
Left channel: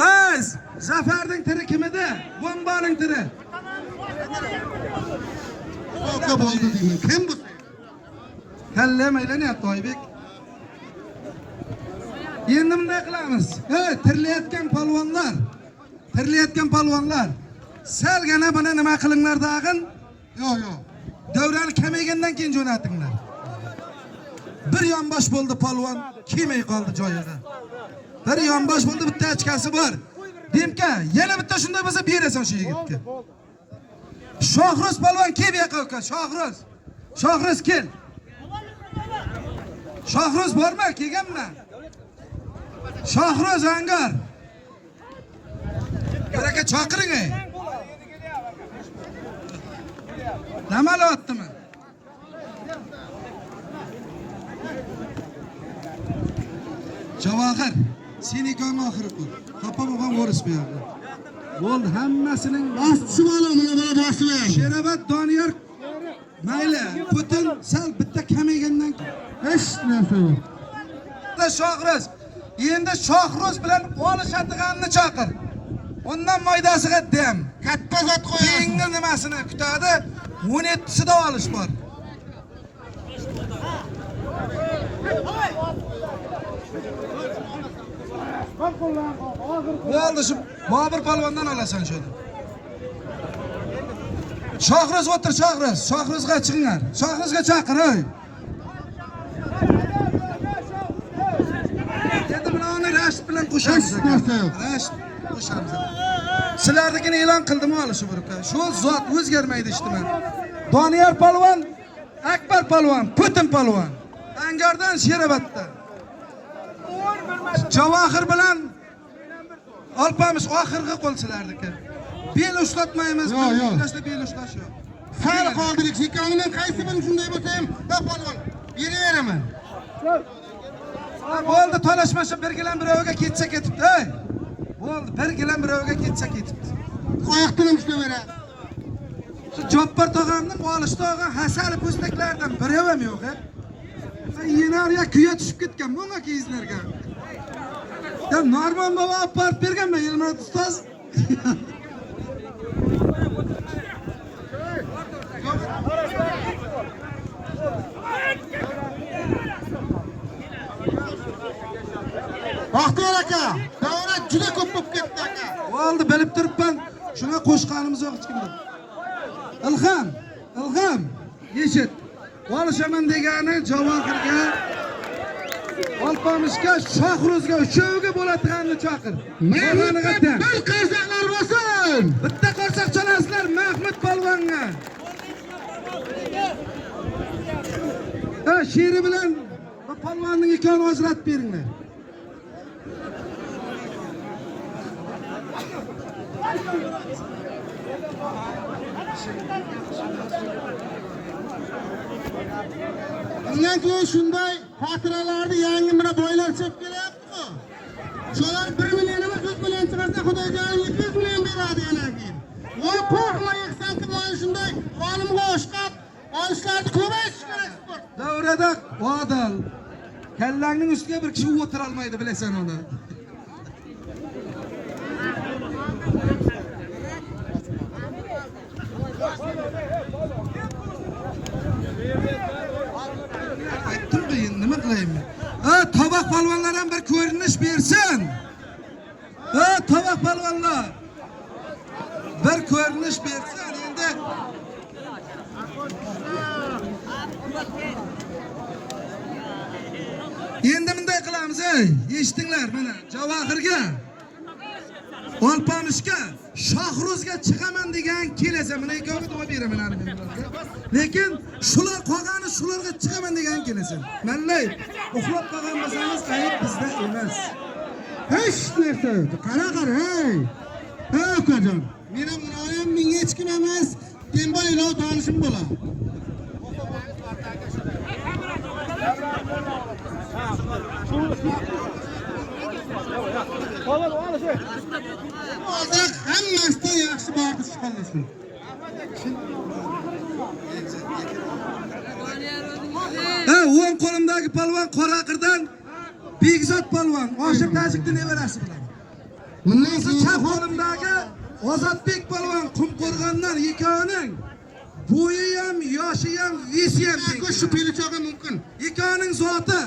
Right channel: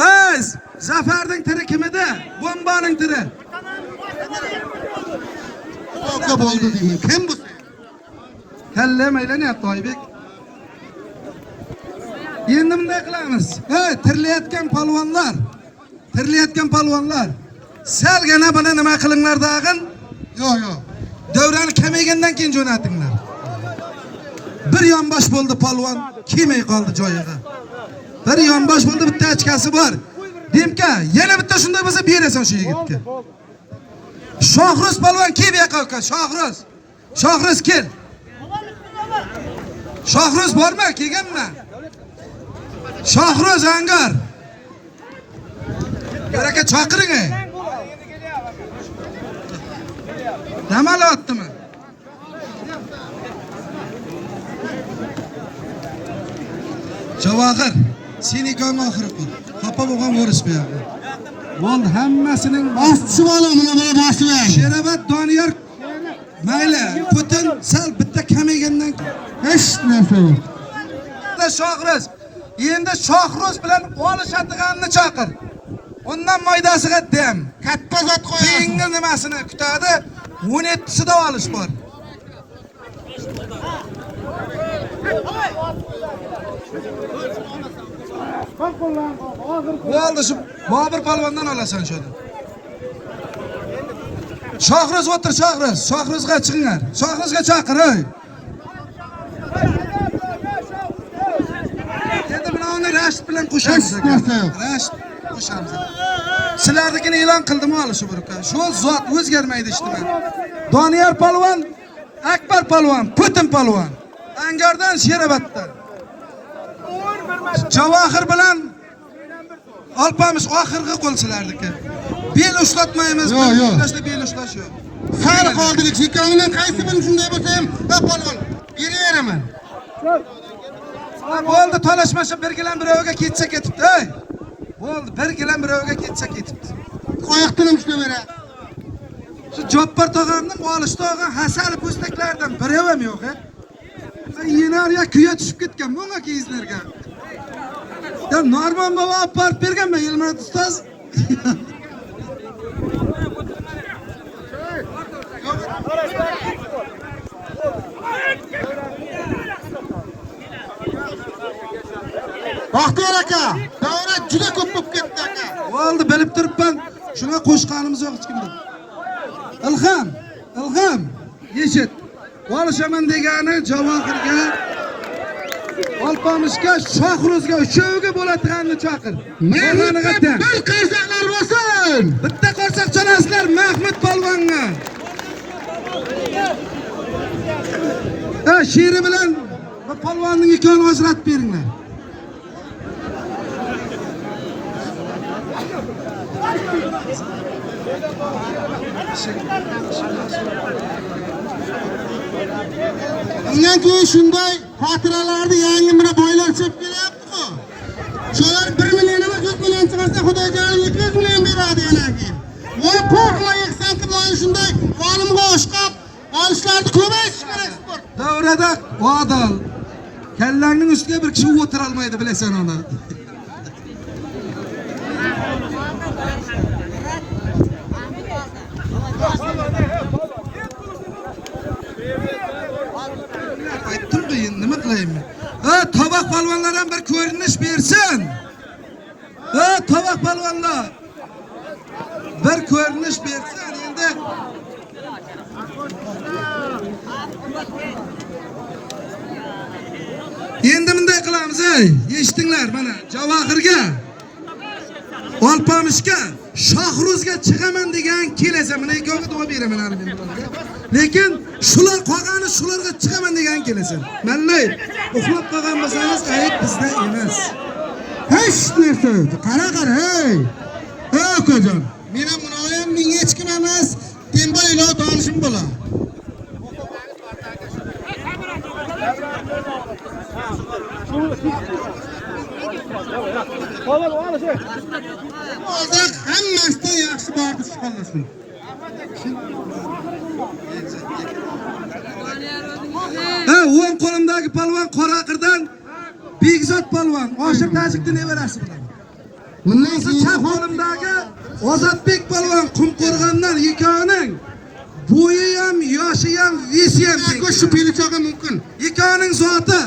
Biz Zafarning tiri kimida? Bombaning tiri. Oqa bo'ldi deyman. Kim bu? Kallam aylanyapti Oybek. Endi bunday qilamiz. Tirilayotgan polvonlar. Salgina buni nima qilinglar dag'in? Yo'q, yo'q. Davrani kamaygandan keyin jo'natinglar. Bir yonbosh bo'ldi polvon, kelmay qoldi joyiga. Bir yonbosh bo'ldi, bitta ochkasi bor. Demka, yana bitta shunday bo'lsa berasan shu yigitga. Shohruz polvon kel bu yoqqa uka, Shohruz. Shohruz kel. Shohruz bormi? Kelganmi? Shohruz Angar. Baraka chaqiring ey. Namolatdimi? Javohir, seni kon oxiri qil. Xafa bo'lgan ko'rishmayapman. Bo'ldi, hammasining Boschi bola, mana boshlang. Sherobod Doniyor mayli, Putin sal bitta kamaygandan Hech narsa yo'q. Shohruz. Endi Shohruz bilan olishadiganni chaqir. Undan maydasiga dem. Katta zot qo'yasiz. Keyingi nimasini kutadi? 17sida olish bor. Bo'ldi, shu Bobur polvondan olasan shuni. Shohruz o'tir, Shohruz. Shohruzga chiqinglar. Shohruzga chaqir, ey. Endi bularni Rashid bilan qo'shamiz. Rashid qo'shamiz. Sizlarnikini e'lon qildimmi hali shu birga? Shu zot o'zgarmaydi ishtiman. Doniyor polvon, Akbar polvon, Putin polvon. Angardan Sheroboddan. Javohir bilan Alpamish oxirgi qo'l sizlarniki. Bel ushlatmaymiz, ushtlashda bel ushlash yo'q. Sal qoldirik. Shikongdan qaysi biri shunday bo'lsa ham, polvon, beraveraman. Bo'ldi, talashmasa bir gilam birovga ketsa ketibdi, ey. Bo'ldi, bir gilam birovga ketsa ketibdi. Qo'yaqdan ushlaveradi. Shu Joppar tog'amning olishda olgan hasal po'staklardan biri ham yo'q, ha. Yenarga kuya tushib ketgan bunga kiyizlarga. Ya Norman baba olib borib berganman, Yilmurod ustoz. Baxtiyor aka, davra juda ko'p bo'lib ketdi aka. Bo'ldi, bilib turibman. Shunga qo'shqanimiz yo'q hech kimda. Ilhom, yeshit. Olishaman degani Javohirga, Alpamishga, Shohruzga, uchovga bo'ladiganini chaqir. Mehmoniga tem. Bir qarsaqlar bo'lsin. Bitta qarsoq chalasizlar Mahmud polvonga. Sheri bilan polvonning ikkovini ajratib beringlar. Bundan keyin shunday xotiralarni yangi bir boylar chop kelyapti-ku. Shular 1 million emas, 100 million chiqarsa Xudojonim 200 million beradi yana keyin. Voy qo'rqma yeksan ki mana shunday qo'limga oshqab olishlarni ko'payish kerak sport. Davrada odil. Kallangning ustiga bir kishi o'tira olmaydi, bilasan uni. Aytdim-ku, endi nima qilayman? Tovoq polvonlar ham bir ko'rinish bersin. Tovoq polvonlar bir ko'rinish bersin endi. Endi bunday qilamiz, ey. Eshitinglar mana Javohirga, Alpamishga, Shohruzga chiqaman degan kelasa, mana ikkovga duo beraman hali men bularga. Lekin shular qolgani shularga chiqaman degan kelasa. Mallay, uxlab qolgan bo'lsangiz, ayb bizda emas. Hech narsa yo'q. Qara, hey. Hey akajon, men ham munoyim, men hech kim emas. Temboy ilo tanishim bo'lar. Hozir hammasidan yaxshi bordi chiqarlasin. Ha, o'ng qo'limdagi palvon Qoraqirdan Begzod palvon, Oshir Tajikdan nevarasi bilan. Bundan so'ng chap qo'limdagi Ozodbek palvon Qumqo'rg'ondan ikkovining bo'yi ham, yoshi ham, vesi ham Shu pelichoga mumkin. ikkovining zoti.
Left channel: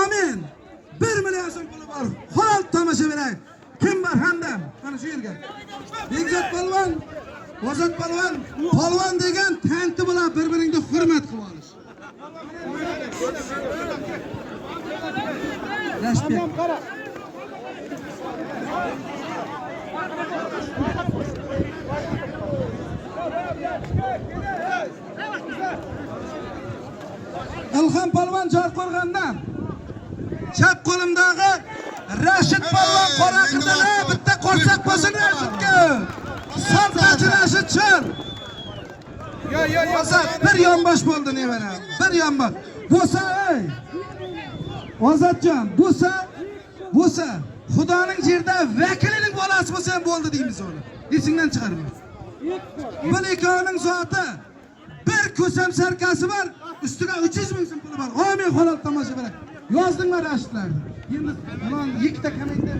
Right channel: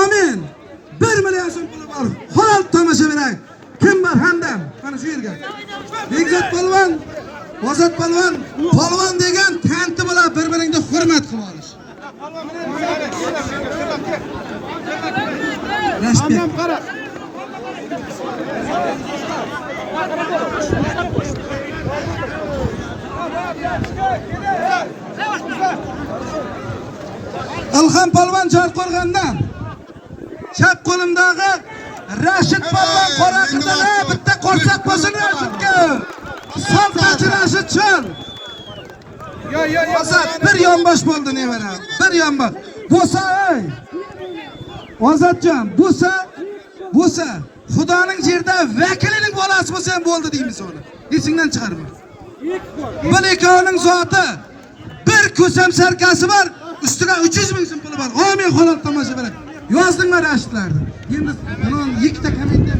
Amin. 1 million so'm puli bor. Halol tomosha beraylik. Kim bor hamdam? Mana shu yerga. Begzod palvon, Ozod palvon, palvon degan tanti bilan bir-biringni hurmat qilib olish. Respekt. Ilhom palvon Jorqo'rg'ondan. Chap qo'limdagi Rashid palvon Qoraqirdan bitta qo'rsoq bo'lsin Rashidga. Saltanchi Rashidjon. Ozod bir yonbosh bo'ldi nevara. Bir yonbosh. Bo'lsa, ey. Ozodjon, bo'lsa, Xudoning yerda vakilining bolasi bo'lsa ham bo'ldi deymiz uni. Esingdan chiqarma. Bir ikkovining zoti bir ko'sam sarkasi bor, ustiga 300 ming so'm puli bor. Amin halol tomosha beradi. Yozdingmi Rashidlarni? Endi biron ikkita kommentda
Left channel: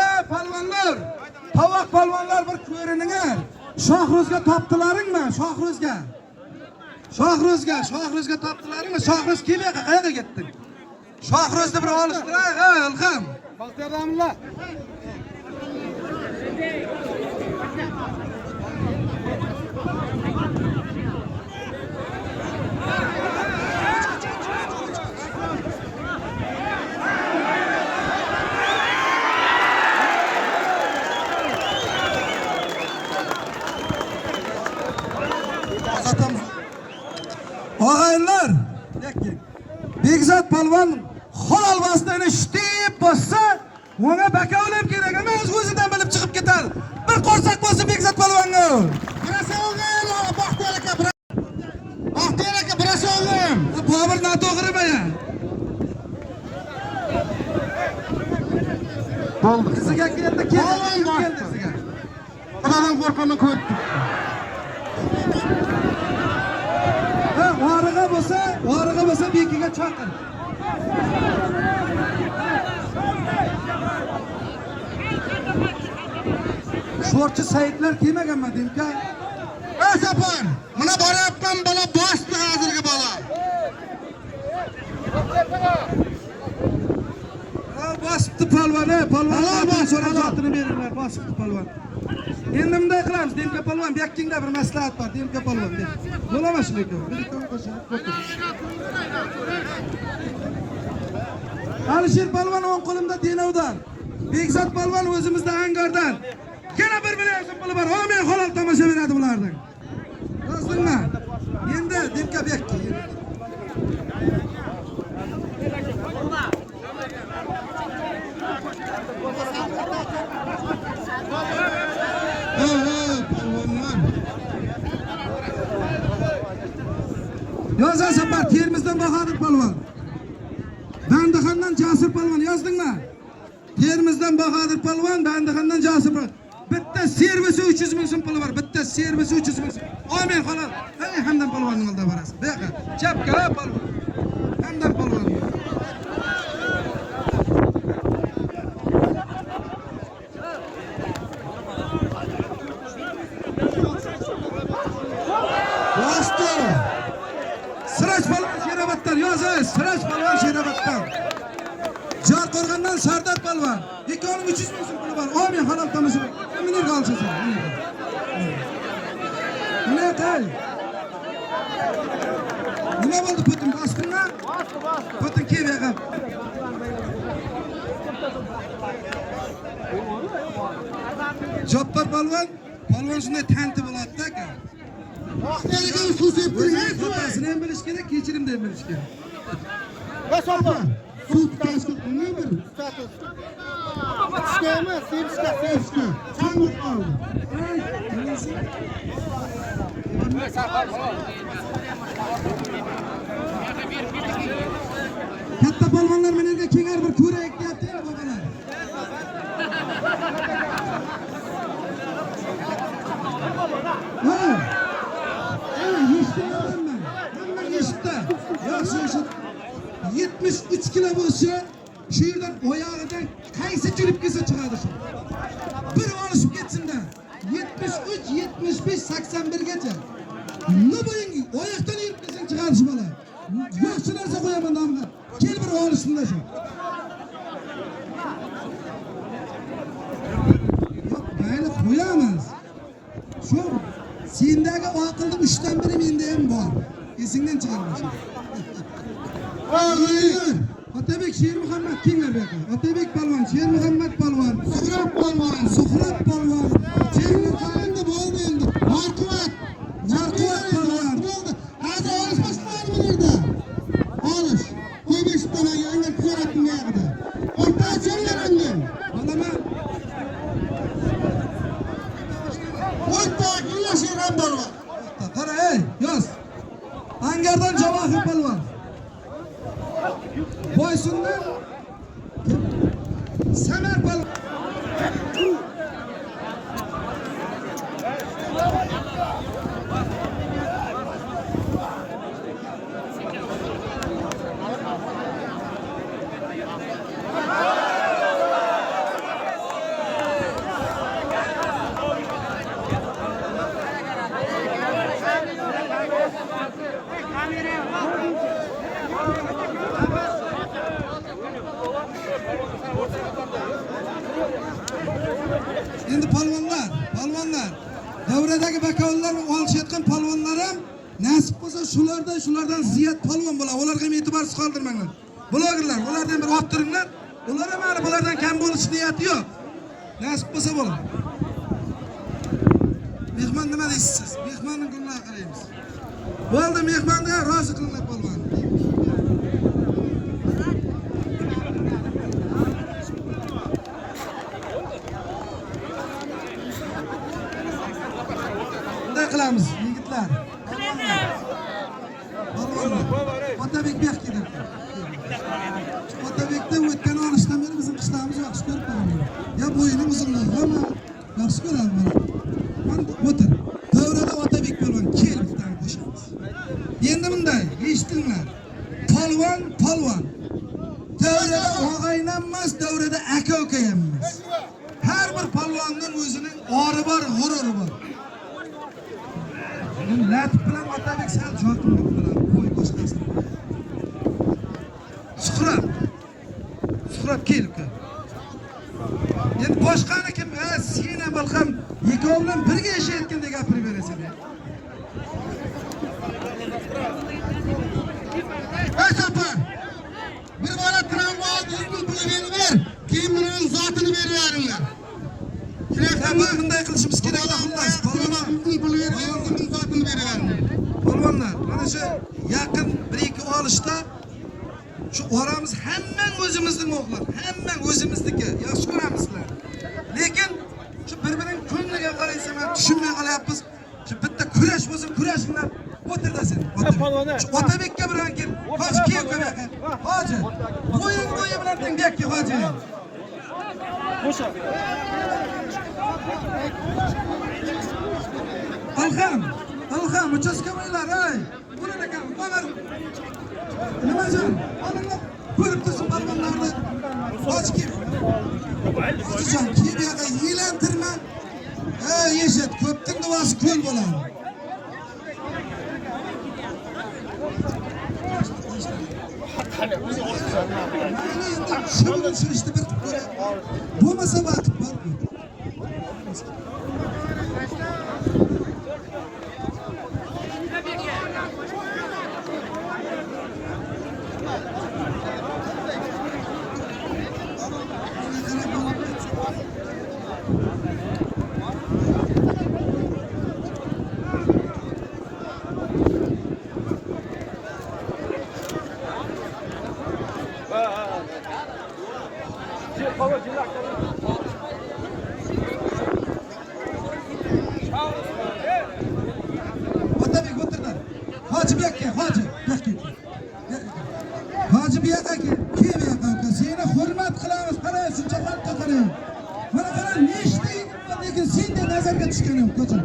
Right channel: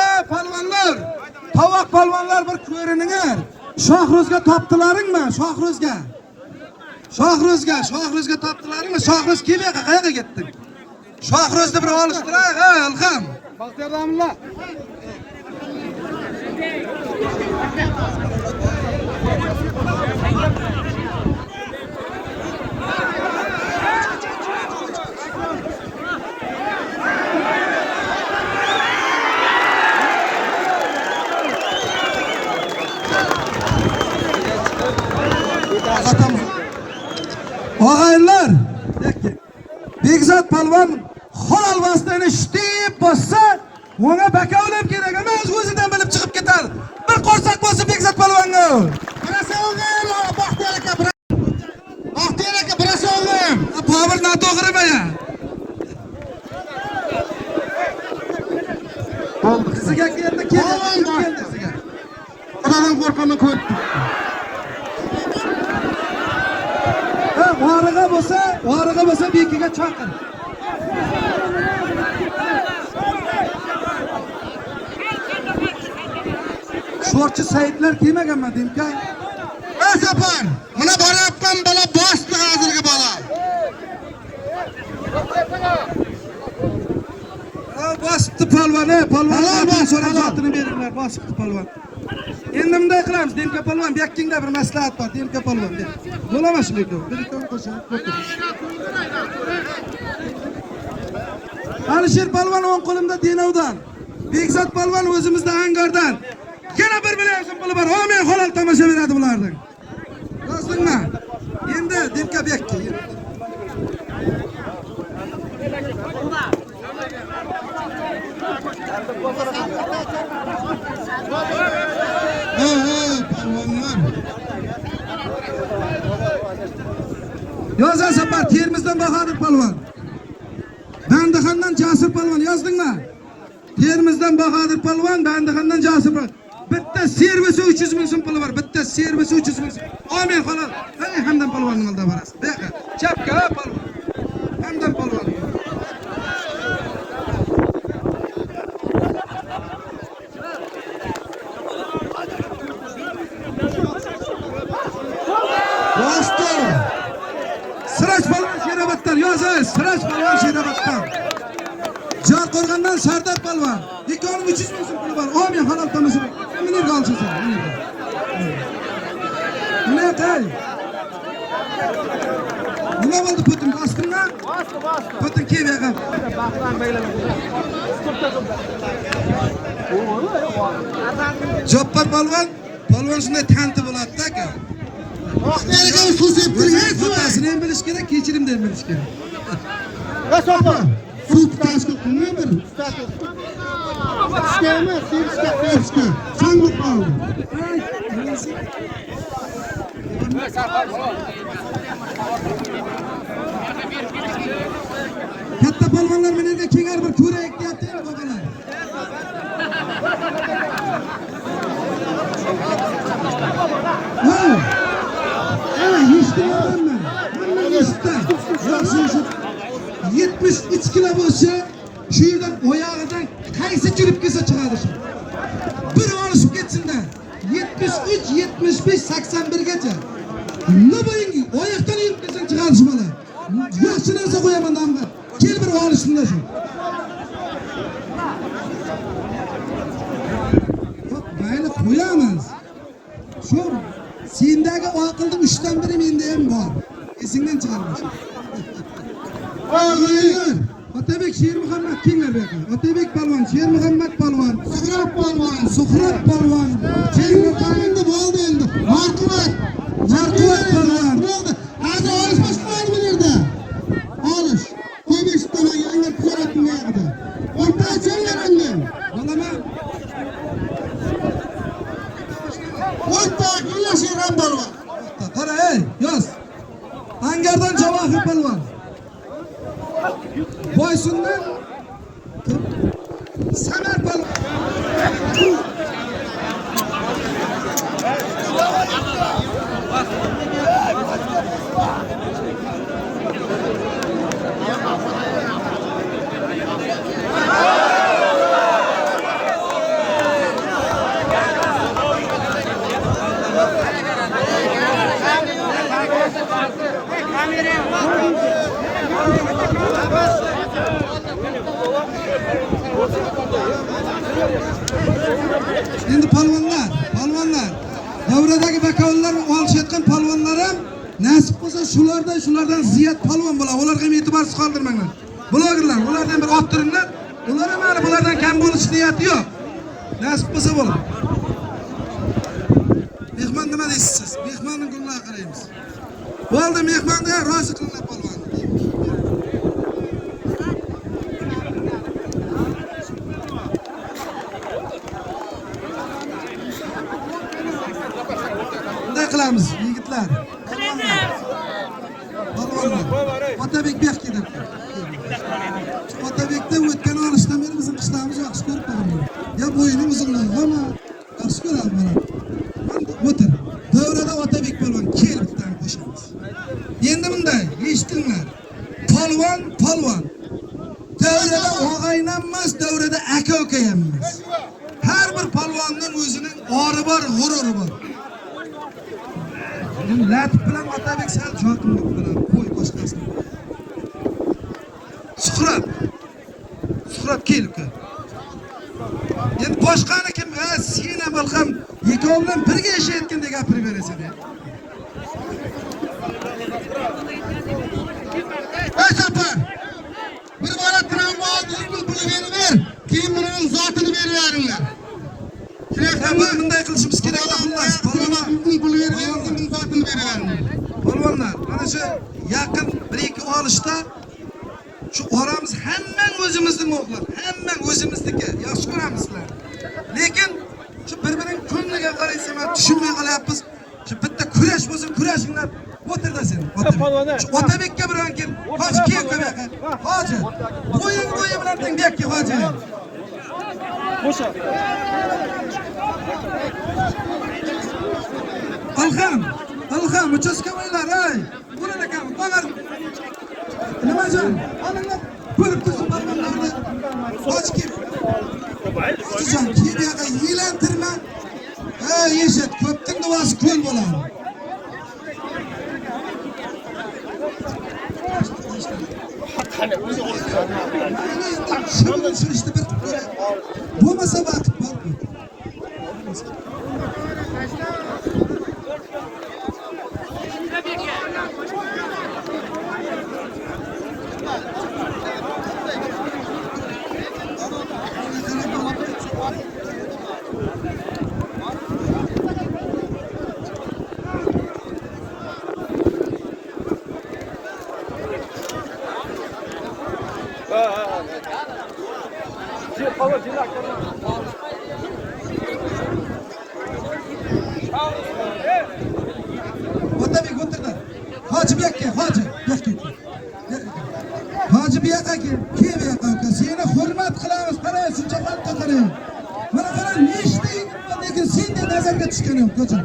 ey palvonlar, tovoq palvonlar bir ko'rininglar. Shohruzga topdilaringmi? Shohruzga topdilaringmi? Shohruz kelmayqa qayerga ketding? Shohruzni bir olishtiray, ey Ilhom. Baxtiyorlarlar. Og'aylar, Begzod palvon halol vositani shtib bossa, ona bakavlam kerak emas, o'zidan bilib chiqib ketadi. Bir qo'rsoq bo'lsa Begzod palvonga. Baxtiyor aka, birasi o'g'lim. Bobur noto'g'rimi ya? Sizga keldi, Xudodan qo'rqaman ko'p. O'g'riga bo'lsa bekiga chaqir. Sho'rchi saytlar kelmaganmi Dimka? Sapar, mana borayotgan bola boshqa hozirgi bola. Bosibdi palvon, palvonlardan so'rayotini beringlar, bosibdi palvon. Endi bunday qilamiz, Dimka palvon, bu yokkingda bir maslahat bor, Dimka palvon. Bo'lama shunday qilib, bir ikki qo'shib o'tir. Alisher palvon o'ng qo'limda Denovdan, Begzod palvon o'zimizda Angardan. Yana 1 million so'm puli bor. Amin halol tomosha beradi bulardan. Yozdingmi? Endi Dimka bekki. Yozan Sapar, Termizdan Bahodir palvon. Bandixondan Jasur palvon, yozdingmi? Termizdan Bahodir palvon, Bandixondan Jasur palvon. Bitta servisi 300 ming so'm puli bor. Bitta servisi 300 ming so'm. Amin halol. Ey Hamdam palvonning oldida borasiz. Deqa. Chapka palvon. Hamdam palvon. Siraj palvon Sheroboddan, yozing, Siraj palvon Sheroboddan. Jorqo'rg'ondan Sardor palvon. Ikkovi 300 ming so'm puli bor. Amin halol tomosha. Minir qolsin. Nima qil? Nima bo'ldi putin bosdingmi? Putin kelmayapti. Joppar palvon shunday tanti bo'ladi-da aka. Baxtiyorga so'zib turgan. Butasini ham bilish kerak, kechirimni ham bilish kerak. Sut tashkil qilmaydi. Ishgami, sevishga. Sanliq qoldi. Katta palvonlar mana yerga kengar bir ko'raylik deyapti-ya, bobolar. Ha! mana bu ishi shu yerdan oyog'idan qaysi churib kelsa chiqadi shu. Bir olishib ketsin-da. 73, 75, 81 gacha. Nima bo'ling, oyoqdan yurib kelsang chiqadi shu bola. Yaxshi narsa qo'yaman damga. Kel bir olishimda shu. Mayli qo'yamiz. Shu sendagi aqlning 3dan biri menda ham bor. Esingdan chiqarma shu. Oy, Otabek Shermuhammad kimlar bu yoqqa? Otabek polvon, Shermuhammad polvon, Suhrab polvon. Suhrat polvon, Endi bo'ldi endi. Marquvat. Marquvat polvon. Bo'ldi. Hozir olish boshlanadi bu yerda. Olish. Qo'mishdan yangi ko'rib bu yerda. O'rtachalar undan. Olaman. O'rta Gulashir ham polvon. Qara, ey, yoz. Angardan Javohir polvon. Boysundan Samar polvon. Endi polvonlar, davradagi bakovullarni olishayotgan polvonlarim nasib bo'lsa shulardan ziyod polvon bo'ladi. Ularga ham e'tiborsiz qoldirmanglar. Blogerlar, ulardan bir olib turinglar. Ular ham mana bulardan kam bo'lish niyati yo'q. Nasib bo'lsa bo'ladi. Mehmon nima deysiz siz? Mehmonning kunlariga qaraymiz. Bo'ldi, mehmonga rozi qilinglar polvon. Bunday qilamiz, yigitlar. Otabek bu yoqqa keldi. Otabekda o'tgan olishdan beri bizning qishlarimiz yaxshi ko'rib qolgan. Ya bo'yining uzunligi ham yaxshi ko'radi mana. Mana o'tir. Davrada Otabek polvon kelib bittadan qo'shamiz. Endi bunday, eshitinglar. Polvon. Davrada og'aynan emas, davrada aka-uka ham emas. Har bir polvonning o'zining ori bor, g'ururi bor. Latif bilan Otabek sal joqinmoq bilan qo'y boshqasini. Suhrab kelib. Endi boshqani kim? Sen ham bilsam, ikkovi bilan birga yashayotgandek gapirib berasan. Ey chopar. Bir bola tramvay yengil pulini ber. Keyin buning zotini beraveringlar. Shunday bunday qilishimiz kerak edi xullas. Polvonlar, polvonlar, mana shu yaqin 1-2 olishda shu oramiz hammang o'zimizning o'g'lar, hammang o'zimizniki. Yaxshi ko'ramizlar. Lekin shu bir-birining ko'ngliga qaraysan, men tushunmay qolyapmiz. Shu bitta kurash bo'lsa, kurashinglar o'tirda sen. Shu Otabekka bilan kel. Hoji kel ko'maqa. Hoji. Bo'yin bilan tengakki hoji. Qo'sha. Alham, uchastkovoylar, ey. Burada kam, bagar. Nima jon? Alinglar, ko'rib tursin barmoqlarni. Hoji kel. Kimga yilantirma. Ey, yeshat, ko'pning duosi ko'l bo'ladi. Shu işte bir bo'lmasa vaqt bor. Otabek o'tirdi. Hoji bu yoqqa, hoji. Hoji bu yoqqa kel. Kel bu yoqqa. Seni hurmat qilamiz. Qarang, shuncha xalqqa qarang. Mana qarang, nechta yigit bor, lekin senga nazarga tushgan yo'q, ko'cham.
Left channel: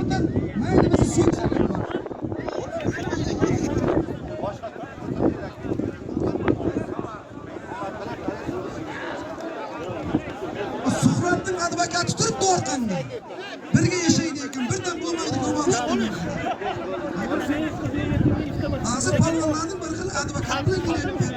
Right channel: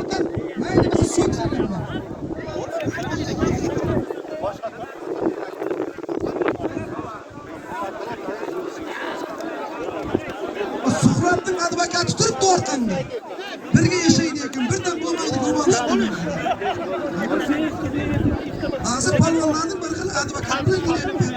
O'tir, mayli biz so'ksak. ekanman. Birga yashaydi ekan, birdan bo'lmaydigan bo'lishdi. Hozir palvonlarning bir xil advokatlik qilyapman.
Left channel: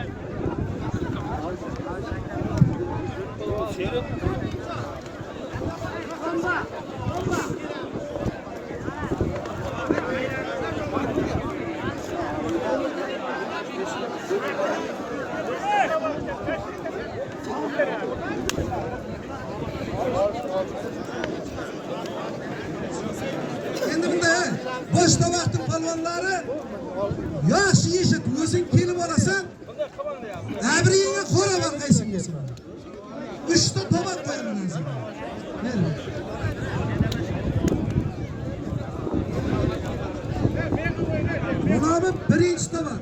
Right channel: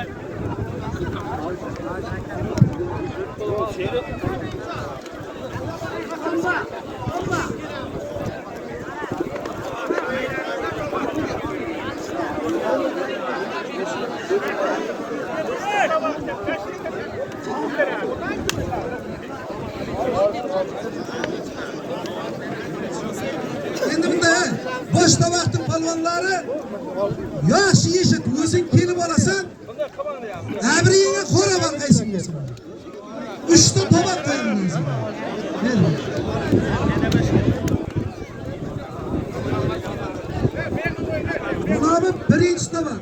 Endi bunda boshda vaqtning palvonlari yosh yeshit o'zing kelib olasan. Abriyingga qora banqaysan bo'lsa. 3 ta tovoq qo'yaman o'zim. Mana bu birinchi tovoq.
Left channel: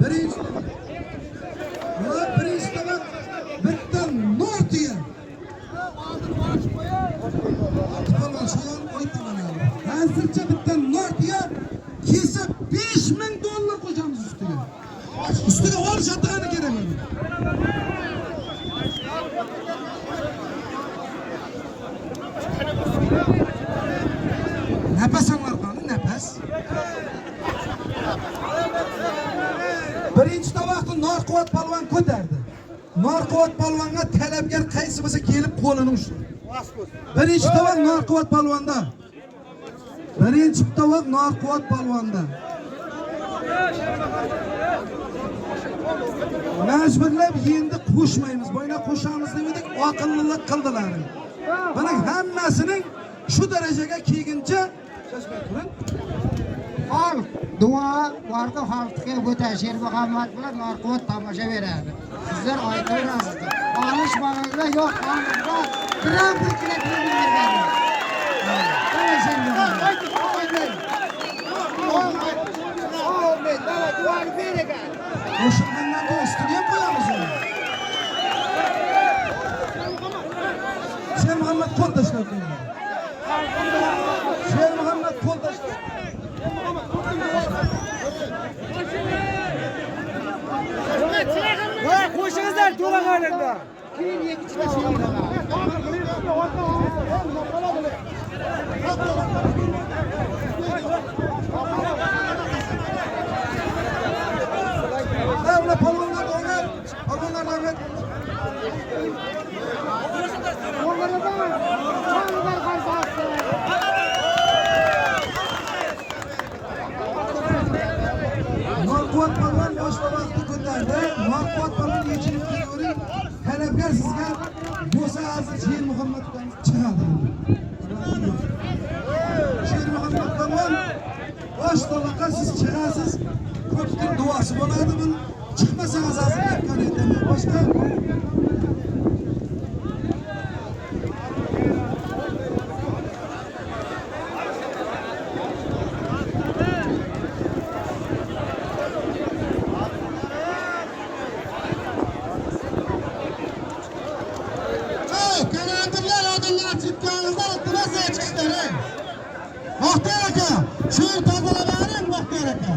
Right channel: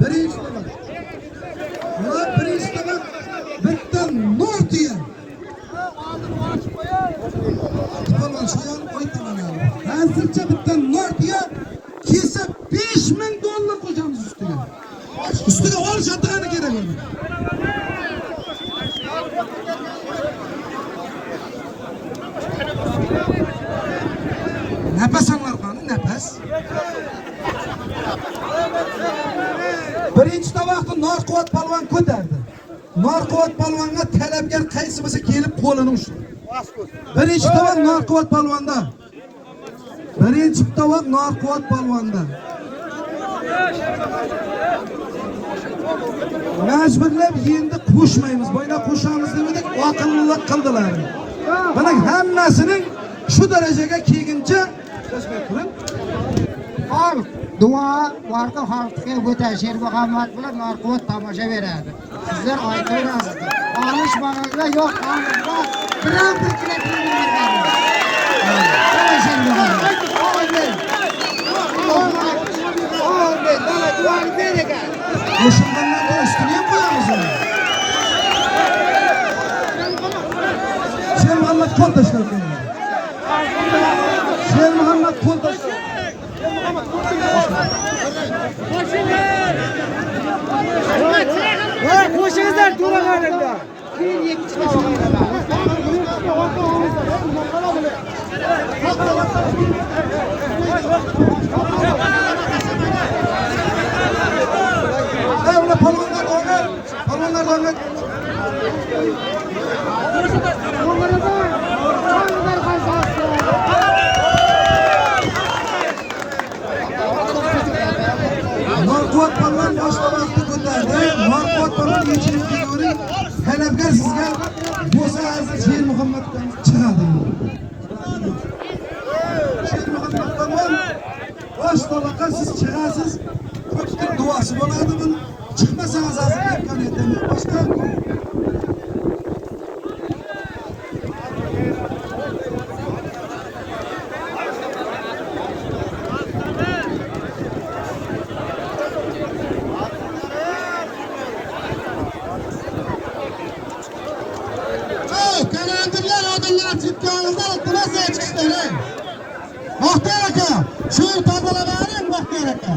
Birinchi tovoq. Mana birinchi tovoq bitta notiya. Palvon sho'yan qo'ytaman. Hozircha bitta notiya kelsa $5000 qo'shamiz ustiga. Ustiga olish atigani kerak uni. Nafas anglar nafas. Birinchi tovoqni Norquvvat palvon ko'tardi. Norquvvat palvonga talabgar qaysi bo'lsa kelib qo'lini ushdi. Birinchi tovoq Norquvvat palvonda. Birinchi tovoq Norquvvat palvonda. Majburlab endi qo'shmaymiz. Bo'yna qo'shamiz dedik, oqillik qildilar. Mana hammasining shu darajaga kelguncha tasbih turing. Hol duo vardı halkıya o'ta Sher Muhammad bilan Norquvvat tomosha beradi. Sizlar aytaverasiz. Alishmaganlar yo'q, alishma. Biron bir kilometr Sher Muhammad. Amin. Dala duoni beragan. Qo'shilganlarga ustiga ham qo'yamiz uni. Sher Muhammad qo'l tashlab qo'ydi. Sher Muhammad qo'l tashlab. Qo'shingizlar to'lag'aningda. Keyin ikkita Ular palvonlar o'ynab, palvonlar o'ynab. Norquvvat palvon boshqa vaqtda ko'tardi. Norquvvat palvon yechilib kelavering. Talabgar sizga bo'lsa hozir Sher Muhammaddan chiqadi. Sher Muhammad palvon bosh tovoqqa siz chiqasiz. Ko'pchilik duosi bo'ladi buni. Chiqmasangiz hozir aytgan edim. Boshqa Kanaldalar odamlar chiqqaningizda iltimos aytishinglar. Muxtar aka, shu tozalamaning Muxtar aka.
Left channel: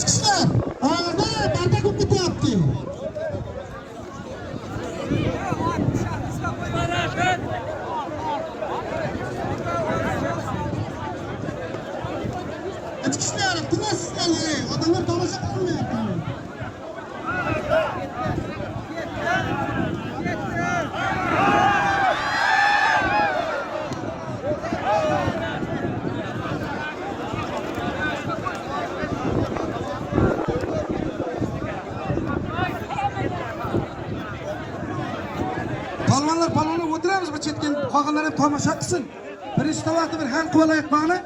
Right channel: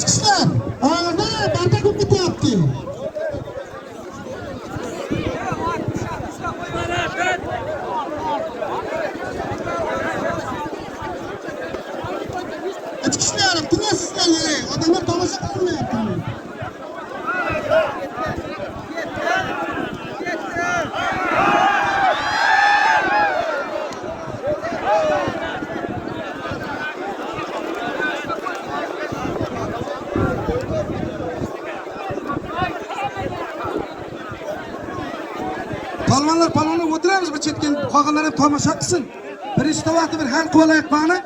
Chiqishlar. Hozir banda ko'p ketyapti. Chiqishlar, iltimos sizlarga. Odamlar tomosha qilmayapti. Palvonlar o'tiramiz, bu chetga qolganlar ham tomosha qilsin. Birinchi tovoqni bir hal qilib olaylik qani.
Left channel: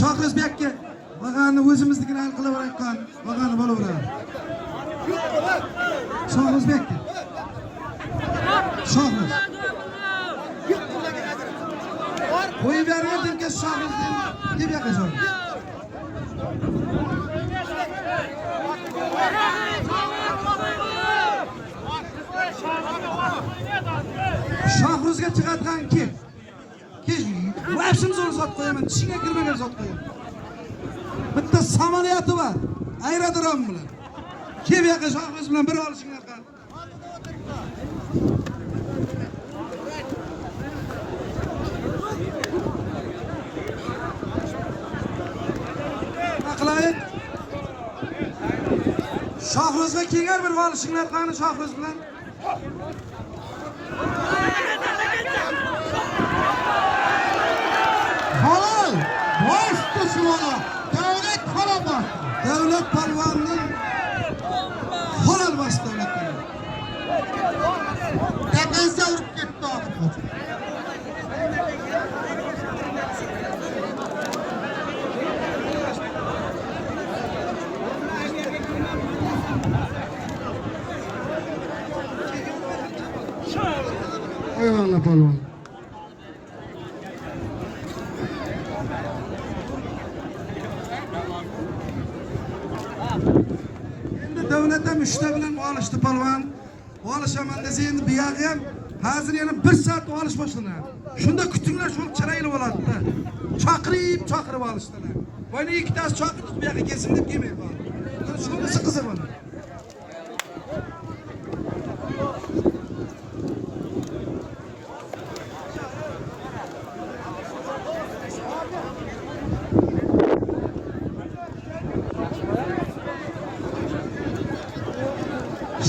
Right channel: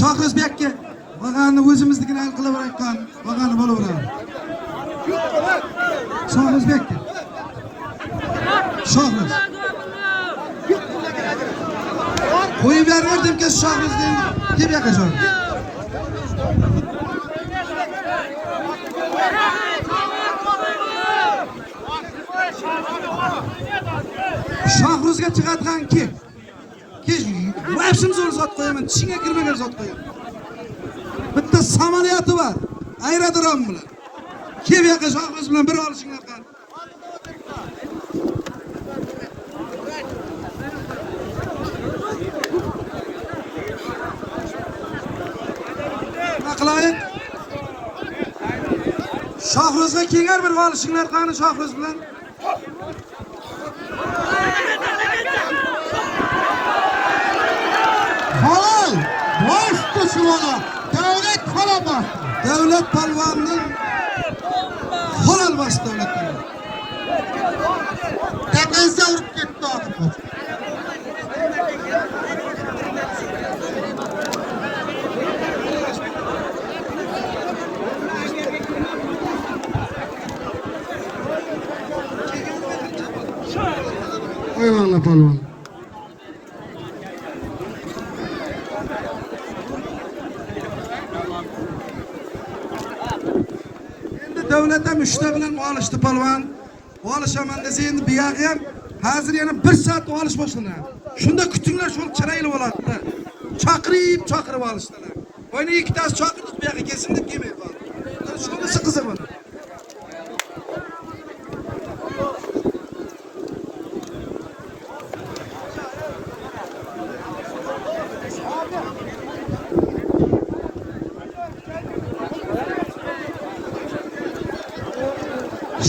Shohrizbekka bag'ani o'zimiznikini hal qilaverayotgan bag'ani bo'laveradi. Shohrizbekka. Shohriz. Qo'yib berdim ki Shohruzning deb yaqashon. Shohruzga chiqadigan kim? Hepsini zo'r sot qo'yaman, tishingga kirmagan sot qo'yaman. Bitta samolyoti var, aerodrom bilan. Kim yaqa Shohruz bilan bir olishinglar qani. Nima qilaylik? Shohruzga kengar bir olishinglar qani Shohruz bilan. Halal. Boştu şuna. Devlet halal bak. Devlet palvanının halal bas devlet palvanı. Tekense vurup gitti artık. Eyvallah palvan. Endi davlat ham uchta bilan olishdi palvan. Olishaman desa endi bu yog'i ham hozir yana 1 soat olish boshlanadi. Shunda kutinglar shul chirayli bo'ladi-da. Chaqirib olishdilar. Oyna ikkitasi chaqirdik bu yoqqa kelsin deb kelmay qoldi. Shunisi qiziq bo'ldi.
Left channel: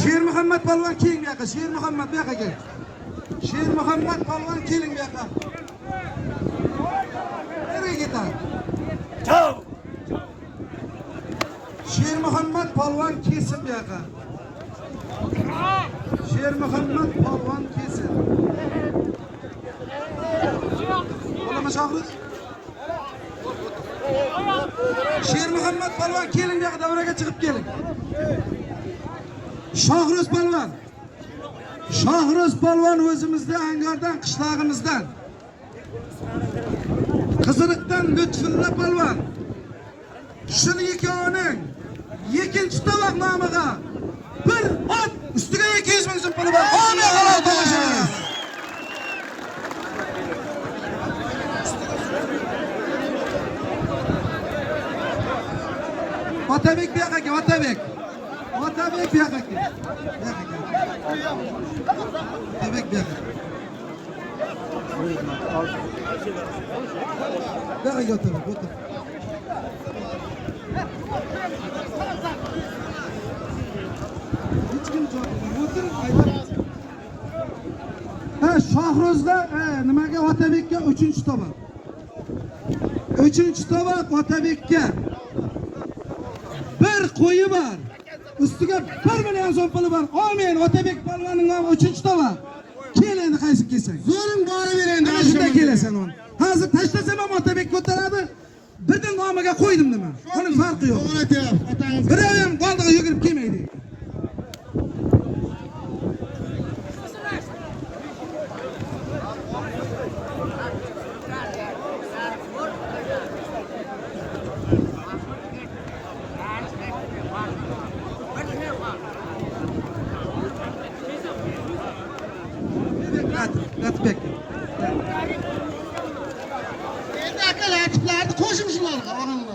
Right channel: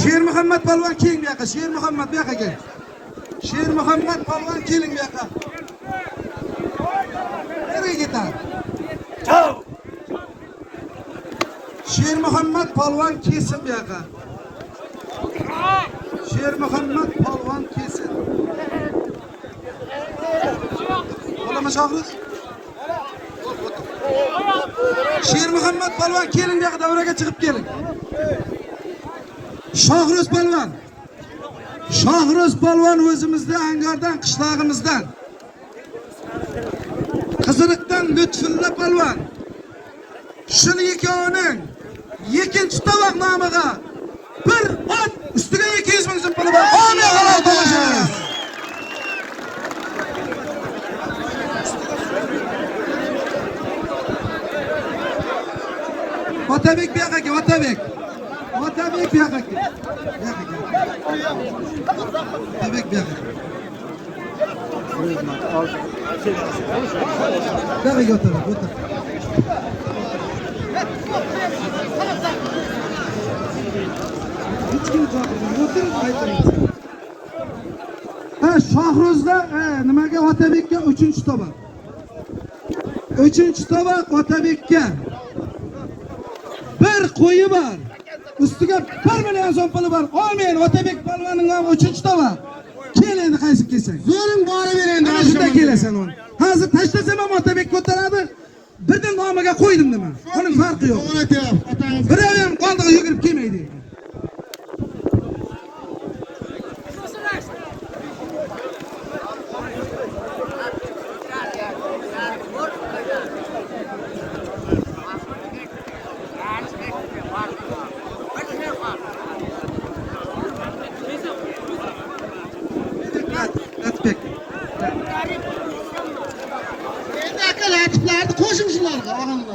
Sher Muhammad palvan keling bu yoqqa. Sher Muhammad bu yoqqa kel. Sher Muhammad palvan keling bu yoqqa. Nereye gitar? Sher Muhammad palvan kelsin bu yoqqa. Sher Muhammad palvan kelsin. Bo'lami Shohruz? Sher Muhammad palvan keling bu yoqqa, davraga chiqib keling. Shohruz palvan. Shohruz palvan o'zimizda Angordan, qishlog'imizdan. Qiziriqdan Lutfulla palvan. Shuni ikkovining ikkinchi tovoq nomiga bir ot ustiga 200 ming so'm puli bor. Amin halol tomosha. Otabek bu yoqqa kel, Otabek. Otabek bu yoqqa kel. Otabek bu yoqqa. Yo'q, Otabek, o'tir. Ha, Shohruzda nimaga Otabekka 3-tovoq. 3-tovoq Otabekka. Bir qo'yi bor. Ustiga 1 million so'm puli bor. Amin. Otabek palvanning nomi 3-tovoq. Kel endi qaysi kelsan. Zo'ring bori berende. Ana shunda kelasan uni. Hozir tashlasam ham Otabek ko'taradi. Birdan nomiga qo'ydim nima. Uning farqi yo'q. Doğru diyor. Atanız. Bir ham qoldiga yugurib kelmaydi. Atbek. Dakika açıklardı. Koşun şunlarga. Ağanlarga.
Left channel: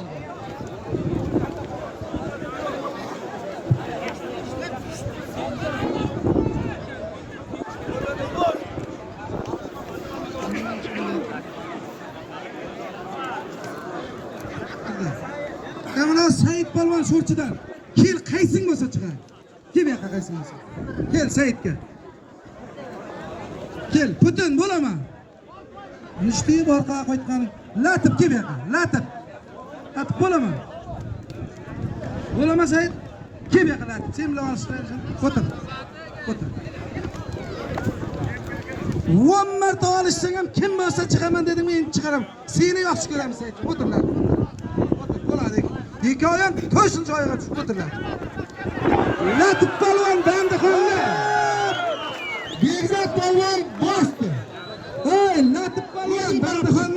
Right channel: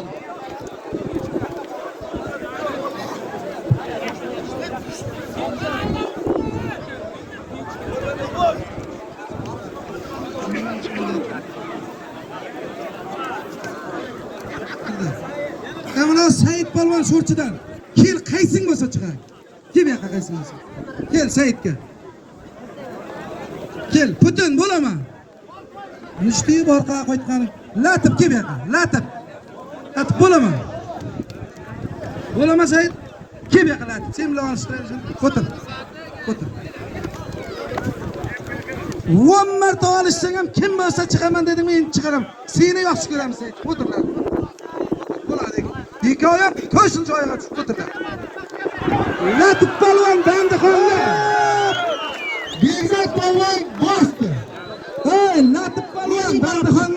Kamala Said palvan sho'rchidan. Kel qaysing bo'lsa chiqar. Kel bu yoqqa qaysing bo'lsa. Kel Saidga. Kel, Putin bo'laman. Mushti orqaga qo'ytgan. Latib kel bu yoqqa. Latib. Latib bo'laman. Bo'laman Said. Kel bu yoqqa latib. Sen bilan olishlar. O'tir. O'tir. 10 marta olishsang ham kim bo'lsa chiqaman dedim, men chiqaram. Seni yaxshi ko'raman Said. O'tirlar. Bo'ladi. Hikoyam to'ysin joyiga tushib o'tirlar. Latib palvon bandixonlar. Bekzod polvon bosdi. Latib palvon bandixon